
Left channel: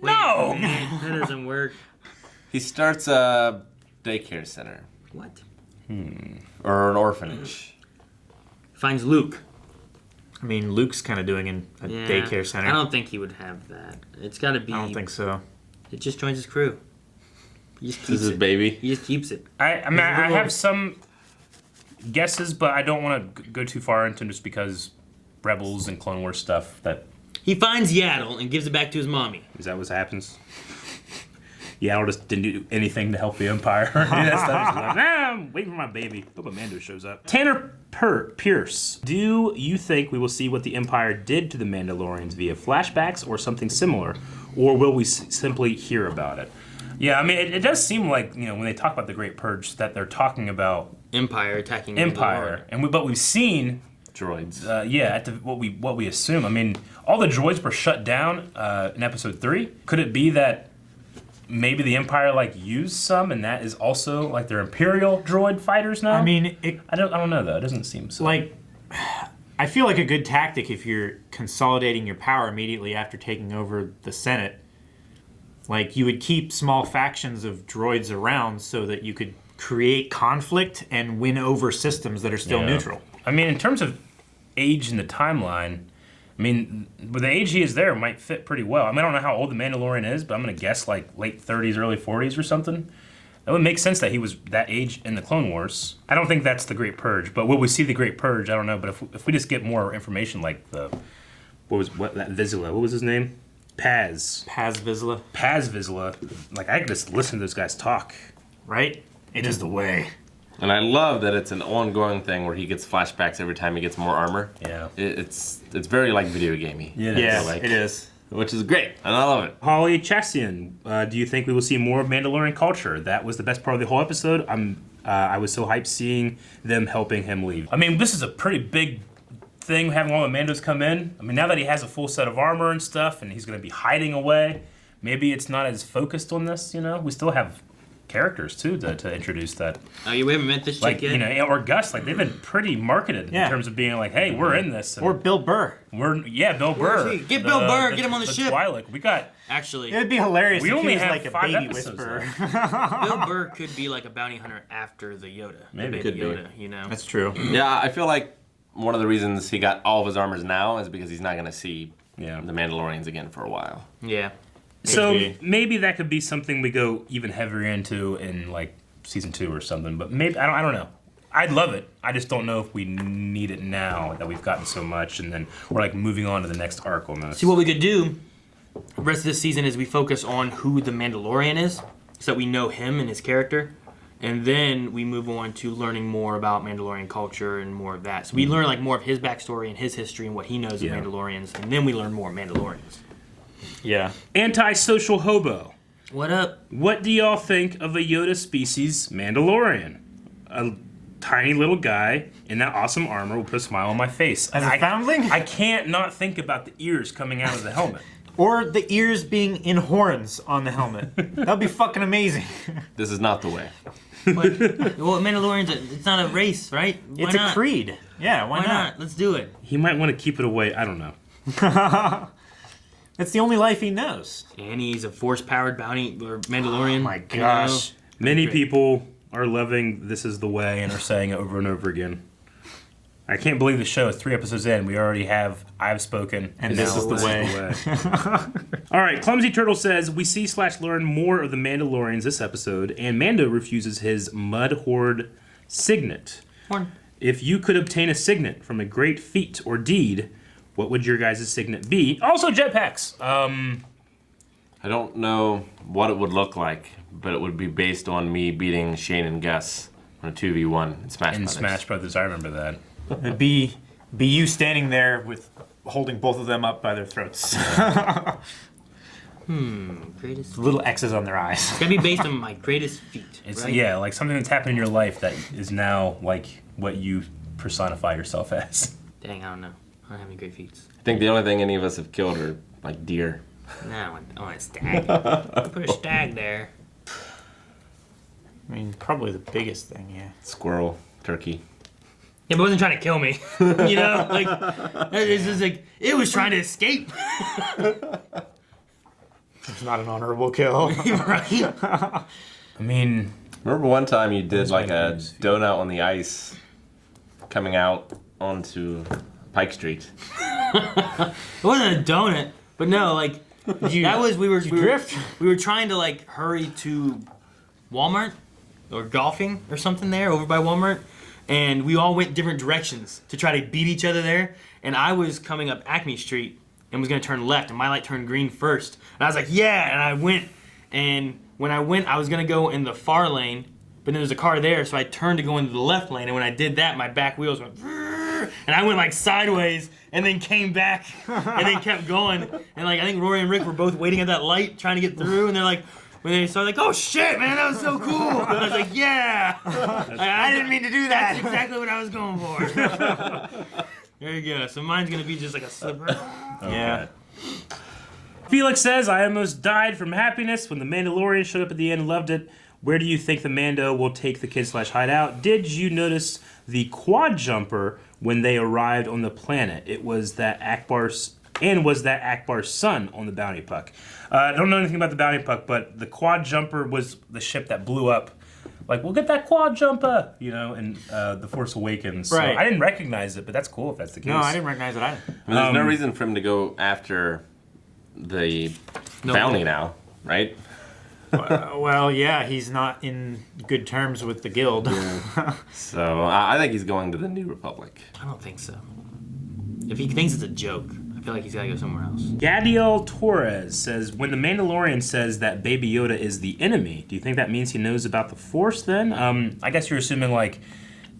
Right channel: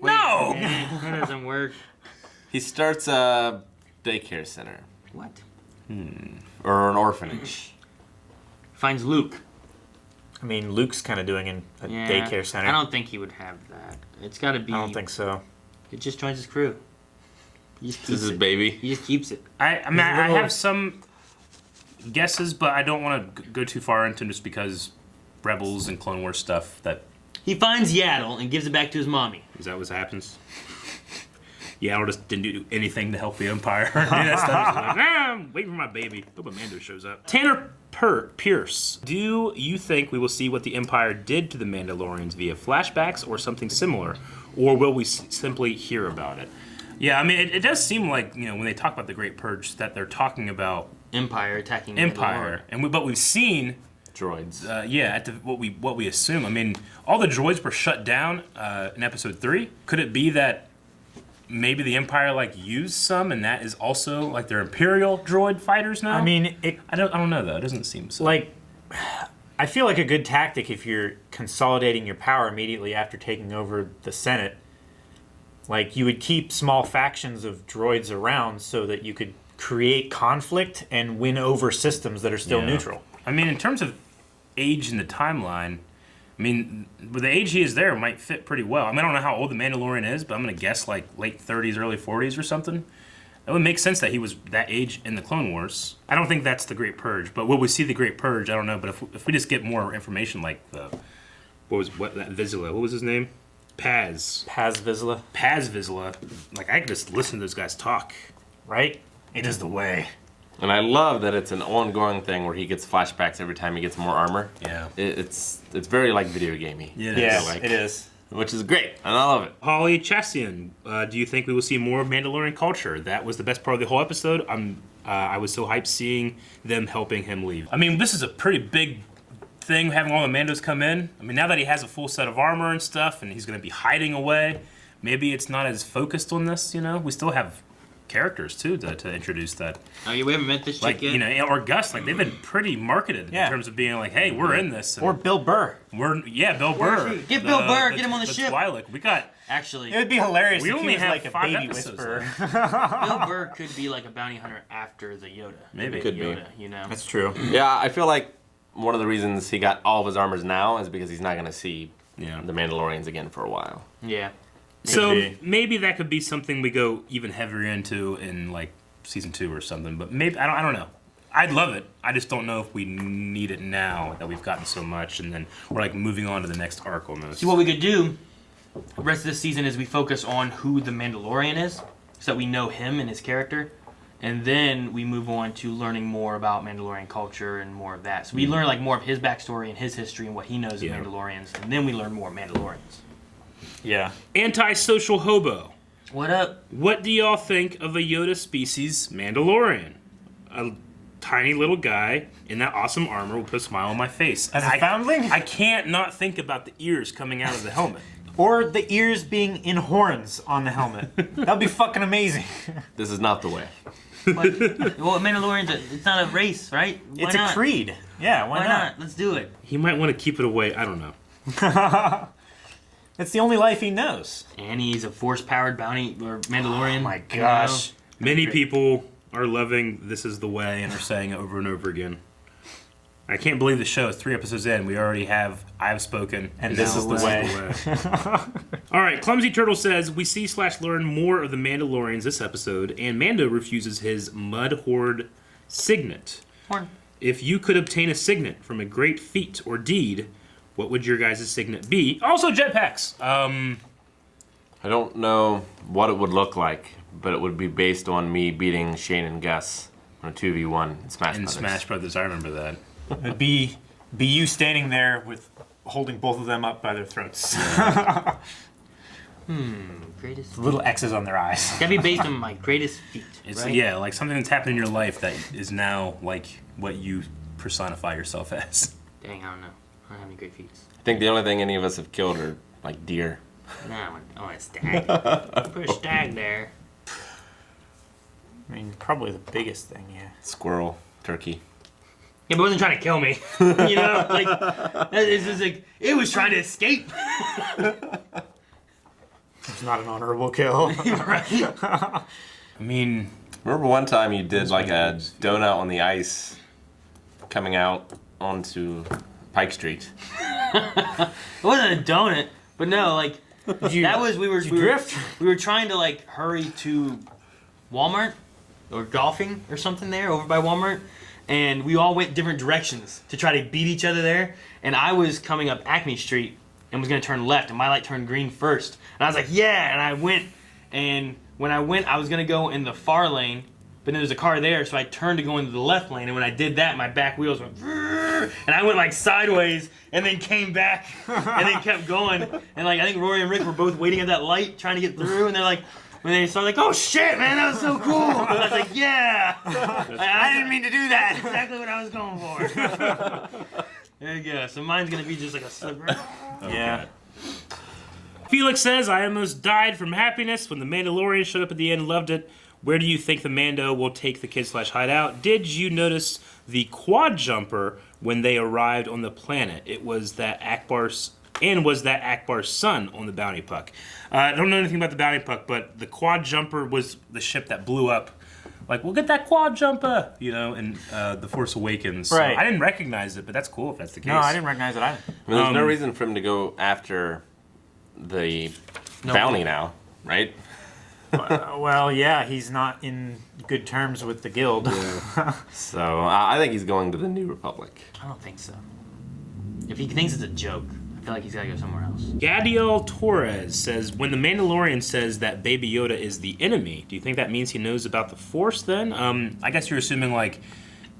Wait, No. That doesn't work. He starts a daycare center. What? Or an orphanage. Finds Luke. I mean, Luke's kind of doing in a Yeah. daycare center. I don't think he would have that. It's got to be. I don't think so. It just joins his crew. He just This keeps is it. baby. He just keeps it. I mean, I have some guesses, but I don't want to go too far into them just because Rebels and Clone Wars stuff. He finds Yaddle and gives it back to his mommy. Is that what happens? Yaddle just didn't do anything to help the Empire. That stuff. He's like, I'm waiting for my baby. Hope Amanda shows up. Tanner Pierce, do you think we will see what the Empire did to the Mandalorians via flashbacks or something similar, or will we simply hear about it? Yeah, I mean, it does seem like, when they talk about the Great Purge, that they're talking about Empire attacking Empire, but we've seen Droids. what we assume. I mean, all the droids were shut down in Episode 3. Could it be that maybe the Empire used some, and that is also their Imperial droid fighters now? I mean, I don't know though. It doesn't seem so. I feel like a good tactic if you're consolidating your power immediately after taking over the Senate Like, you would keep small factions of droids around so that you could create conflict and win over systems that are still neutral. I mean, in terms of age in the timeline, I mean, with the age he is there might fit pretty well. I mean, I don't know how old the Mandalorian is, but I'm going to guess like late 30s, early 40s or something. That would make sense that he was that age in the Clone Wars. I don't think that's the Great Purge, but will we see the Great Purge? I don't know. But if we just get more information, like that Vizsla, what was his name? Paz Vizsla. Like, I can just listen to this guy's talk, right? It is the way. And I love that it's an ongoing thing where he gets flashbacks every time he gets more armor. Yeah. It's very like video gamey. Yeah, like, it is. Which is great, and I love it. Holly Chassian, do you think we will see more of Mandalorian culture? That was the best part of the whole episode. I was so hyped seeing them helping him leave. I mean, this is a pretty big thing, having all the Mandos come in. I mean, now that he has a full set of armor and stuff, and he's going to be hiding away, maybe it's not as focused on this, you know? We still have characters, too, to introduce that. Oh, you haven't met this chick like, yet? You know, or Gus, like, they've been pretty marketed in terms of being like, hey, we're in this. Or Bill Burr. Bill Burr. Get Bill Burr, get him on the ship. Twi'lek. We got... Actually, It would be hilarious We if only he was have like a 5 baby episodes whisperer. Bill Burr could be like a bounty hunter after the Yoda. Maybe. The Could be. Yoda, you know? That's true. Yeah, I feel like one of the reasons he got all of his armors now is because he's not going to see the Mandalorians again for a while. Yeah. So be. maybe that could be something we go even heavier into in like season 2 or something. But maybe I don't know. I'd love it. I just don't know if we need it now that we've gotten so much, and then we're like moving on to the next arc almost. See, what we could do the rest of this season is we focus on who the Mandalorian is, so that we know him and his character, and then we move on to learning more about Mandalorian culture and more of that. So we learn like more of his backstory and his history and what he knows of Mandalorians, and then we learn more Mandalorians. Yeah. Antisocial hobo. What up? What do y'all think of a Yoda species Mandalorian? A tiny little guy in that awesome armor will put a smile on my face. As a foundling? I can't not think about the ears coming out of the helmet. Or the ears being in horns on the helmet. That'd be fucking amazing. This is not the way. But, well, Mandalorians, it's not a race, right? Why It's not? a creed. Yeah, why not? Let's do it. He might want to keep it away. I don't know. It's the only life he knows. And he's a force-powered bounty or Mandalorian. Oh my gosh. Many people are loving This Is the Way and are saying it over and over again. I can't believe the show is 3 episodes in. We already have I've spoken, and This now Is the Way. All right, Clumsy Turtle says, we see / learn more of the Mandalorians this episode, and Mando refuses his Mud Horde signet. Horn. If you could obtain a signet from a great feat or deed, what would your guys' signet be? Also jetpacks. I don't know what it would look like, but it would be based on me beating Shane and Gus on a 2v1 in Smash In Brothers. Smash Brothers, I remember that. It'd be you standing there with holding both of them up by their throats. Greatest. Little X's on their eyes. It's gotta be based on my greatest feat. It's right? yeah, like something that's happened in your life that is now like what you personify yourself as. Dang, I don't know. I don't have any great feats. I think the only thing any of us have killed are like deer. No, I want a stag. Put a stag there. I mean, probably the biggest thing, yeah. Squirrel, turkey. It wasn't trying to kill me. You know, like it's just like it was trying to escape. It's not an honorable kill. Right? I mean, Remember one time you did like a donut on the ice coming out onto Pike Street. It wasn't a donut, but no, like that was we were drift? we were trying to like hurry to Walmart or golfing or something there over by Walmart, and we all went different directions to try to beat each other there. And I was coming up Acme Street and was gonna turn left, and my light turned green first. And I was like, yeah, and I went. And when I went, I was gonna go in the far lane, but there was a car there, so I turned to go into the left lane. And when I did that, my back wheels went, and I went like sideways, and then came back, and then kept going. And like I think Rory and Rick were both waiting at that light, trying to get through, and they're like, when they saw, like, oh shit, man, that was so cool. And I was like, yeah. I didn't mean to do that. That's exactly what I was going for. There you go. So mine's gonna be just like a slipper. Yeah. Felix says, I almost died from happiness when the Mandalorian showed up at the end and loved it. Where do you think the Mando will take the kid / hideout? Did you notice the quad jumper when they arrived on the planet? It was that And was that Akbar's son on the Bounty Puck? I don't know anything about the Bounty Puck, but the Quad Jumper was the ship that blew up. Like, we'll get that Quad Jumper, in The Force Awakens. Right. So I didn't recognize it, but that's cool if that's the case. No, I didn't recognize it either. I mean, there's no reason for him to go after the bounty now, right? Well, yeah, he's not in good terms with the guild. So I think he's going to the New Republic. I don't think so. If he thinks it's a joke, I feel like he's got to go somewhere else. Gadiel Torres says, when the Mandalorian says that Baby Yoda is the enemy, do you think that means he knows about the Force then? I guess you're assuming, like,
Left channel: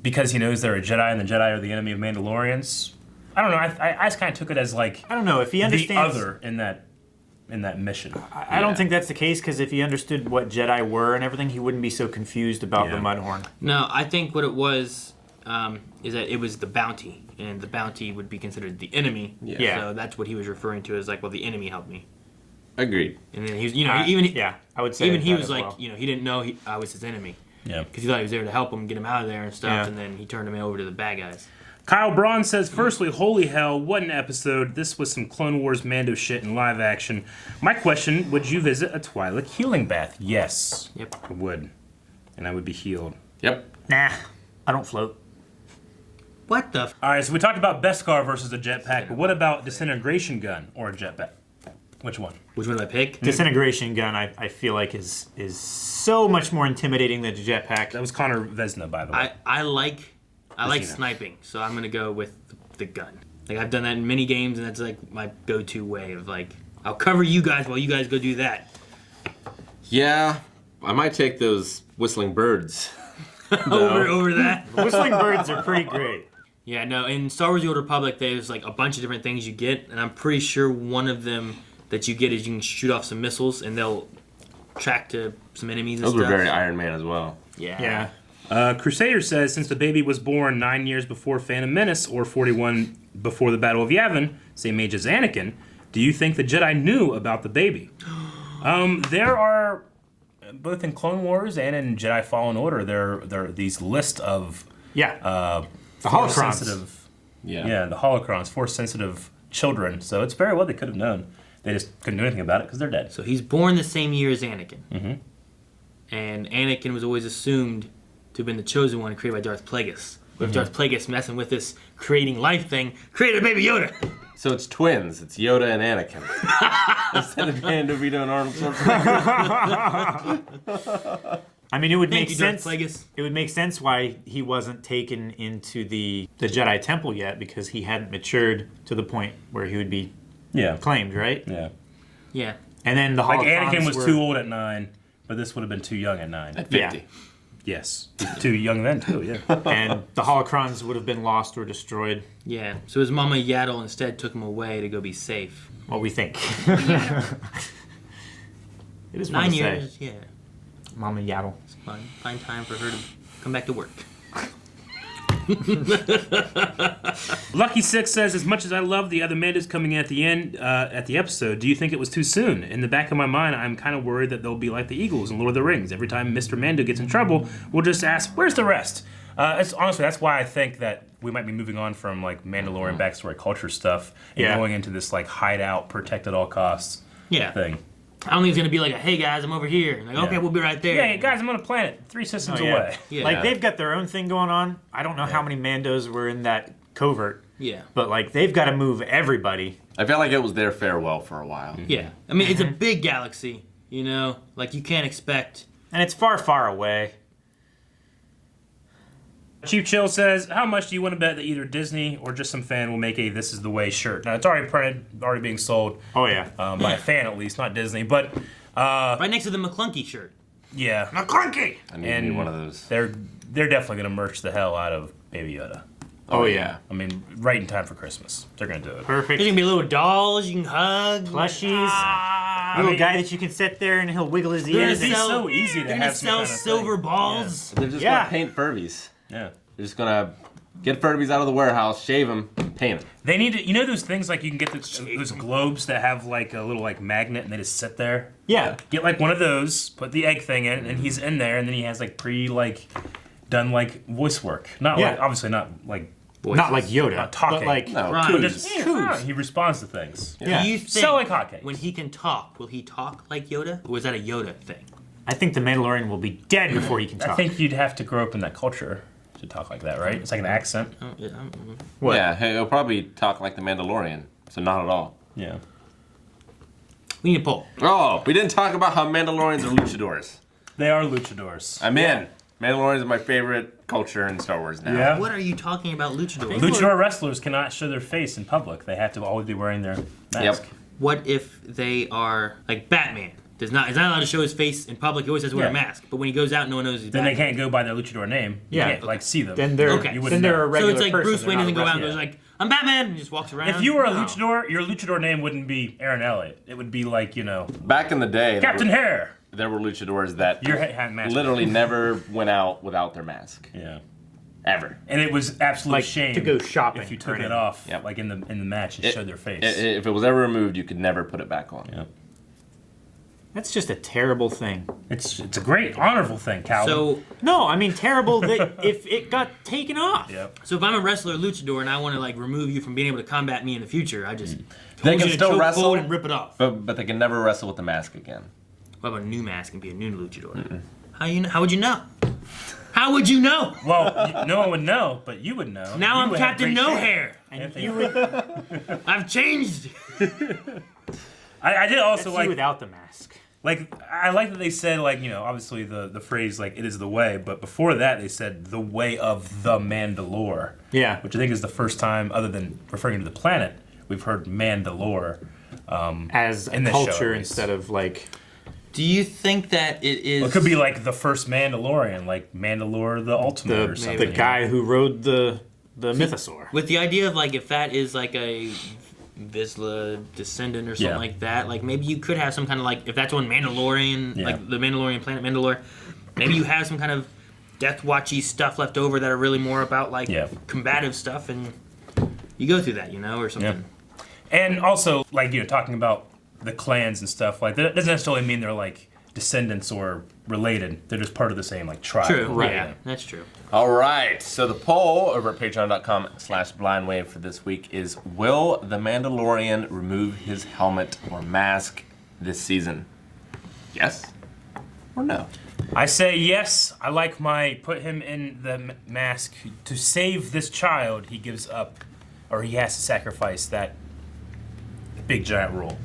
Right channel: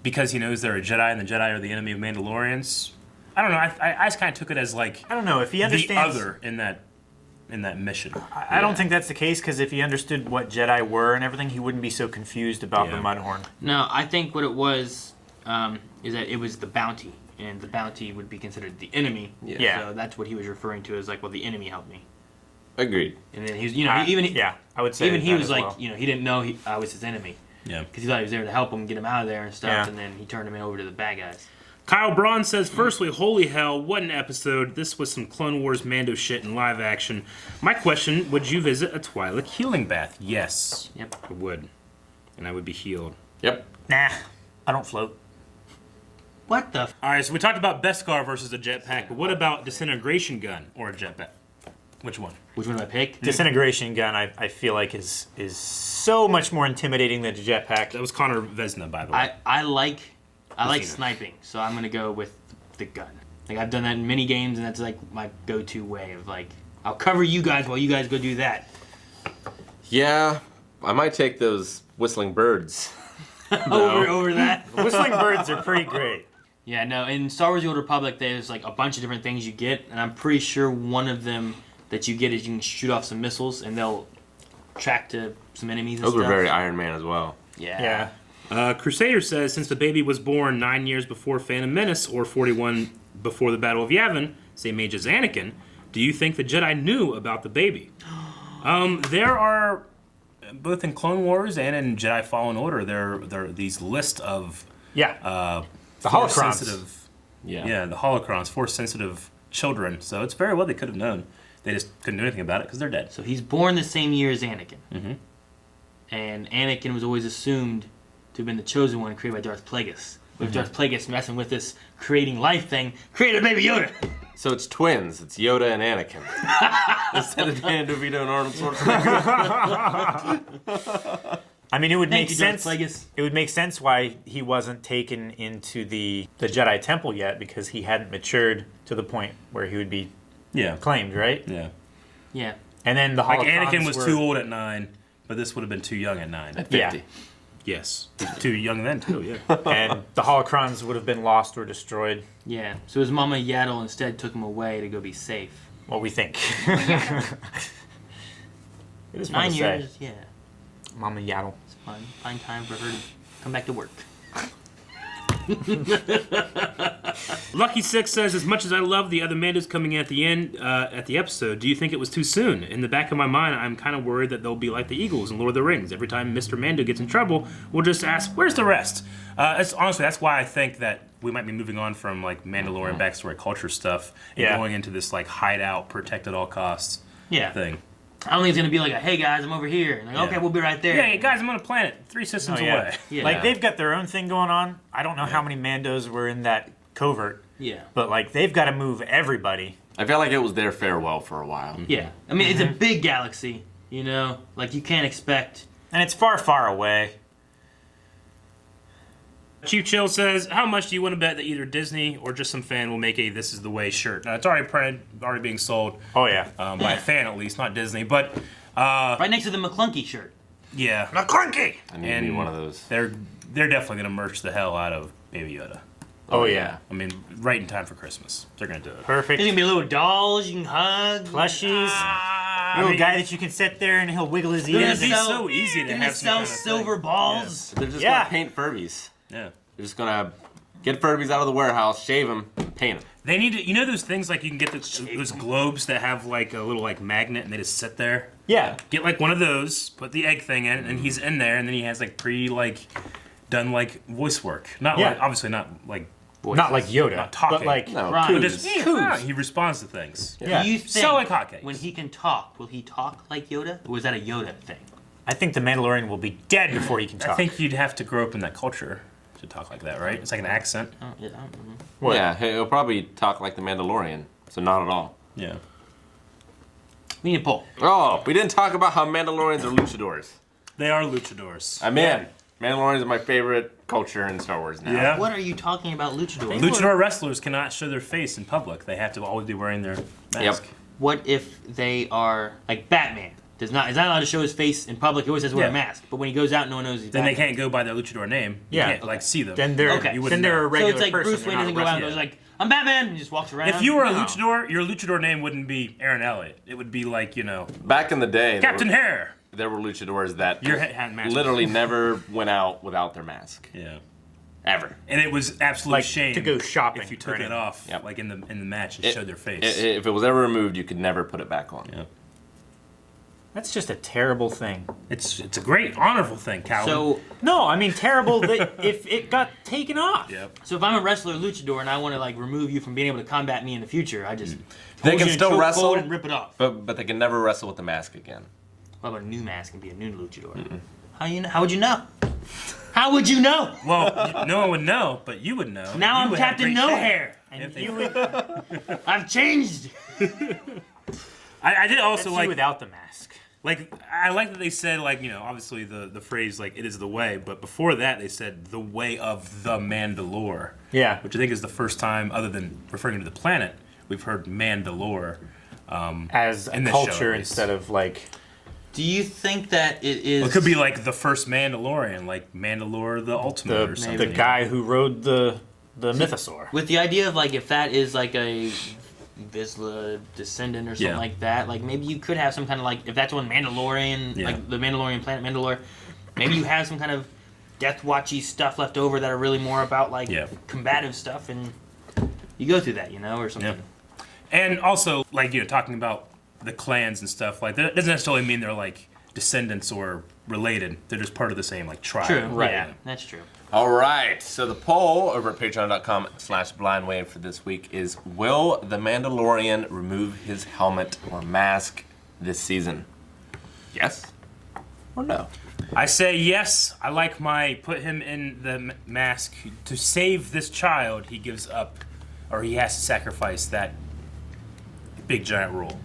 because he knows they're a Jedi and the Jedi are the enemy of Mandalorians. I don't know. I just kind of took it as, like, I don't know if he understands the other in that mission. I don't think that's the case, because if he understood what Jedi were and everything, he wouldn't be so confused about the Mudhorn. No, I think what it was is that it was the bounty, and the bounty would be considered the enemy. Yeah. So that's what he was referring to as like, well, the enemy helped me. Agreed. And then he was, even I would say even he that was as like, well. he didn't know I was his enemy. Yeah. Because he thought he was there to help him, get him out of there and stuff, Yeah. and then he turned him over to the bad guys. Kyle Braun says, firstly, holy hell, what an episode. This was some Clone Wars Mando shit in live action. My question, would you visit a Twi'lek healing bath? Yes. Yep. I would. And I would be healed. Yep. Nah, I don't float. What the? All right, so we talked about Beskar versus a jetpack, but what about disintegration gun or a jetpack? Which one? Which one did I pick? Disintegration gun, I feel like is so much more intimidating than a jetpack. That was Connor Vesna, by the way. I like Vesina. sniping, so I'm gonna go with the gun. Like, I've done that in many games, and that's like my go-to way of like, I'll cover you guys while you guys go do that. Yeah, I might take those whistling birds. over that. Whistling birds are pretty great. Yeah, no, in Star Wars The Old Republic, there's like a bunch of different things you get, and I'm pretty sure one of them that you get is you can shoot off some missiles, and they'll track to some enemies and Those stuff. were very Iron Man as well. Yeah. Crusader says, since the baby was born 9 years before Phantom Menace or 41 before the Battle of Yavin, same age as Anakin, do you think the Jedi knew about the baby? There are, both in Clone Wars and in Jedi Fallen Order, there are these lists of The Force holocrons. sensitive, Yeah. the holocrons, Force sensitive children. So it's very well they could have known. They just couldn't do anything about it because they're dead. So he's born the same year as Anakin. Mm-hmm. And Anakin was always assumed to have been the chosen one created by Darth Plagueis. But if Darth Plagueis messing with this creating life thing, created a baby Yoda. So it's twins. It's Yoda and Anakin. Instead of Dan DeVito and Arnold Schwarzenegger. I mean, it would Thank make you, Darth sense. Plagueis. It would make sense why he wasn't taken into the Jedi Temple yet, because he hadn't matured to the point where he would be claimed, right? Yeah. Yeah. And then the Like holocrons Anakin was were, too old at 9, but this would have been too young at 9. At 50. Yeah. Yes. Too young then, too, yeah. and the holocrons would have been lost or destroyed. Yeah. So his mama Yaddle instead took him away to go be safe. What we think. It is fun 9 to years, say. yeah. Mama Yaddle. It's fun. Find time for her to come back to work. Lucky Six says, as much as I love the other Mandos coming in at the end at the episode, do you think it was too soon? In the back of my mind, I'm kind of worried that they'll be like the Eagles in Lord of the Rings. Every time Mr. Mando gets in trouble, we'll just ask, where's the rest? Honestly, that's why I think that we might be moving on from like Mandalorian backstory culture stuff and going into this like hideout, protect at all costs thing. I don't think it's going to be like a, hey guys, I'm over here. And like, okay, we'll be right there. Yeah, hey, guys, I'm on a planet 3 systems away. Yeah. Like, they've got their own thing going on. I don't know how many Mandos were in that covert. Yeah. But, like, they've got to move everybody. I felt like it was their farewell for a while. Yeah. I mean, it's a big galaxy, you know? Like, you can't expect... And it's far, far away. Chief Chill says, how much do you want to bet that either Disney or just some fan will make a This Is the Way shirt? Now, it's already printed, already being sold. Oh, yeah. By a fan, at least, not Disney. But, right next to the McClunky shirt. yeah. McClunky! I need me one of those. They're definitely going to merch the hell out of Baby Yoda. Oh, yeah. I mean, right in time for Christmas. They're going to do it. There's Perfect. going to be little dolls you can hug. Plushies. Little guy that you can sit there and he'll wiggle his They're ears. gonna It's sell- so easy to They're have going to some sell kind of silver balls. They're just Yeah. going to paint Furbies. Yeah. They're just going to get Furbies out of the warehouse, shave them, paint them. They need to, you know those things like you can get those globes that have like a little like magnet and they just sit there? Yeah. Get like one of those, put the egg thing in, and he's in there, and then he has like done like voice work. Not like, obviously not like voices. Not like Yoda, Not talking. but like No, Right. Coos. He responds to things. yeah. Do you think So like hotcakes. when he can talk, will he talk like Yoda? Or is that a Yoda thing? I think the Mandalorian will be dead before he can talk. I think you'd have to grow up in that culture to talk like that, right? It's like an accent. Oh, yeah, What? Yeah, he'll probably talk like the Mandalorian, so not at all. Yeah. We need a poll. Oh, we didn't talk about how Mandalorians are luchadors. They are luchadors. I'm in. Mandalorians are my favorite culture in Star Wars now. Yeah. What are you talking about, luchadors? Luchador wrestlers cannot show their face in public. They have to always be wearing their mask. Yep. What if they are like Batman? Is not allowed to show his face in public. He always has to wear a Yeah. mask. But when he goes out, no one knows he's Then Batman. they can't go by their luchador name. Yeah. You can't like see them. Then they're Okay. You then wouldn't they're know. a So regular it's like person. Bruce they're Wayne not doesn't go out and wrestling. goes like, "I'm Batman," and just walks around. If you were a No. luchador, your luchador name wouldn't be Aaron Elliott. It would be like, Back in the day, Captain Hair. there were luchadors that Your head had mask. literally never went out without their mask. Yeah. Ever. And it was absolute Like, shame to go shopping if you or took it anything. off, Yep. like in the match, and showed their face. If it was ever removed, you could never put it back on. Yep. That's just a terrible thing. It's a great honorable thing, Calvin. So No, I mean terrible that if it got taken off. Yep. So if I'm a wrestler luchador and I want to like remove you from being able to combat me in the future, I just They hold can you in a still chokehold wrestle, and rip it off. But they can never wrestle with the mask again. What about a new mask and be a new luchador? How would you know? How would you know? Well, no one would know, but you would know. Now You I'm would have Captain great No shame. Hair. And You would I've changed. I did also that's like you without the mask. Like, I like that they said, like, obviously the phrase, like, it is the way, but before that they said the way of the Mandalore. Yeah. Which I think is the first time, other than referring to the planet, we've heard Mandalore. As in a this show, culture at least. instead of like Do you think that it is? Well, it could be like the first Mandalorian, like Mandalore the Ultimate or the something. guy who rode the mythosaur. with the idea of like if that is like a Vizsla descendant or something Yeah. like that, like maybe you could have some kind of like if that's on Mandalorian, Yeah. like the Mandalorian planet Mandalore, maybe you have some kind of Death Watchy stuff left over that are really more about like Yeah. combative stuff, and you go through that, or something. Yeah. And also, like, talking about the clans and stuff, like, that doesn't necessarily mean they're, like, descendants or related. They're just part of the same, like, tribe. True. Right. Yeah, that's true. All right. So the poll over at patreon.com/blindwave for this week is: will the Mandalorian remove his helmet or mask this season? Yes or no? I say yes. I like put him in the mask. To save this child, he gives up, or he has to sacrifice that big giant rule.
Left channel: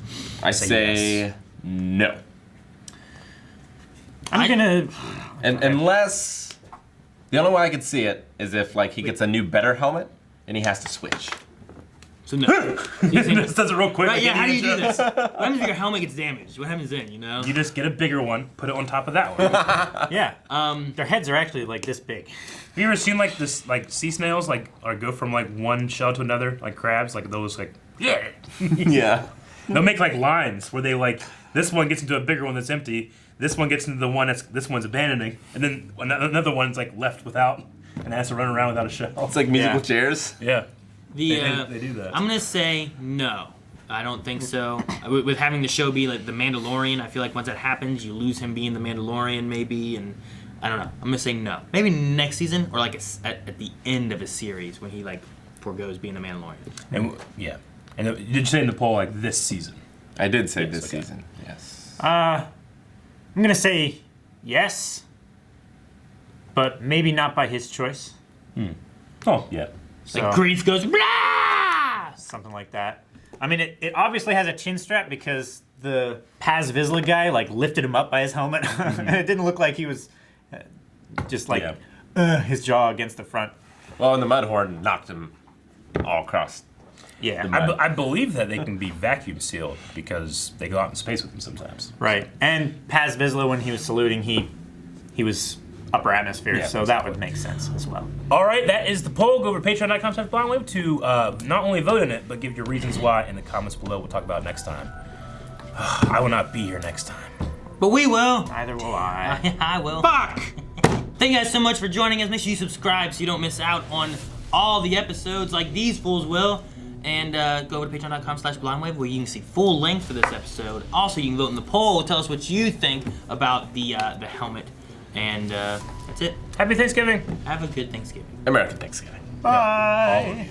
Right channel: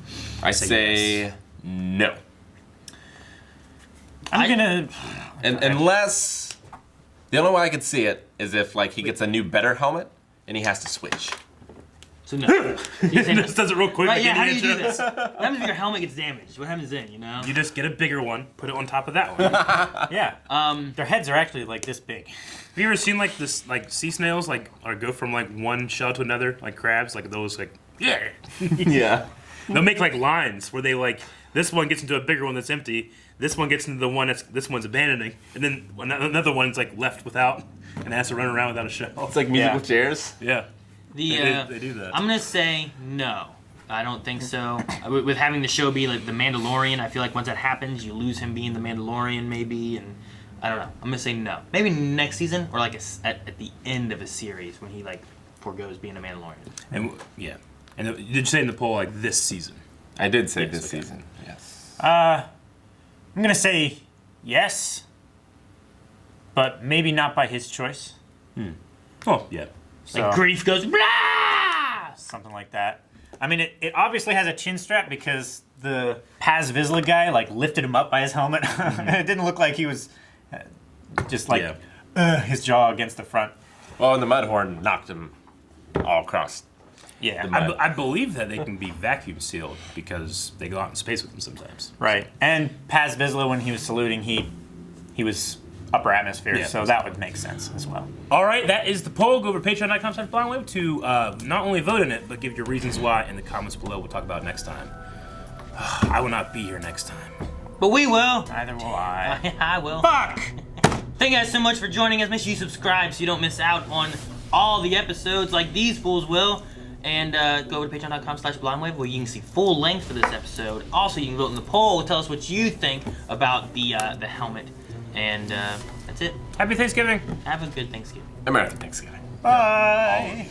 I say say yes. no. I'm gonna. And unless the only way I could see it is if like he gets a new better helmet and he has to switch. So no. You say no. This does it real quick. Right? Yeah. like How do any you do intro. this? What happens if your helmet gets damaged? What happens then? You just get a bigger one, put it on top of that one. Have Yeah. Their heads are actually like this big. you ever seen like this, like sea snails, like or go from like one shell to another, like crabs, like those, like Yeah. they'll make like lines where they like this one gets into a bigger one that's empty, this one gets into the one this one's abandoning, and then another one's like left without and has to run around without a shell. It's like musical Yeah. chairs. Yeah, The they do that. I'm gonna say no. I don't think so. With having the show be like the Mandalorian, I feel like once that happens, you lose him being the Mandalorian, maybe, and I don't know. I'm gonna say no. Maybe next season or like at the end of a series when he like foregoes being the Mandalorian. And yeah, and did you say in the poll like this season? I did say this season. Yes. I'm gonna say yes, but maybe not by his choice. Oh yeah. So, Like grief goes blah. something like that. I mean, it obviously has a chin strap because the Paz Vizsla guy like lifted him up by his helmet, and it didn't look like he was just like his jaw against the front. Well, and the Mudhorn knocked him all across. Yeah, I believe that they can be vacuum sealed because they go out in space with them sometimes. right. And Paz Vizsla, when he was saluting, he was upper atmosphere, Yeah. so that would make sense as well. All right, that is the poll. Go over to patreon.com/blindwave to not only vote in it, but give your reasons why in the comments below. We'll talk about it next time. I will not be here next time. But we will. Neither will I. I will. Fuck! Thank you guys so much for joining us. Make sure you subscribe so you don't miss out on all the episodes like these fools will. And go over to patreon.com/blindwave where you can see full length for this episode. Also, you can vote in the poll. Tell us what you think about the helmet. And that's it. Happy Thanksgiving. Have a good Thanksgiving. American Thanksgiving. Bye.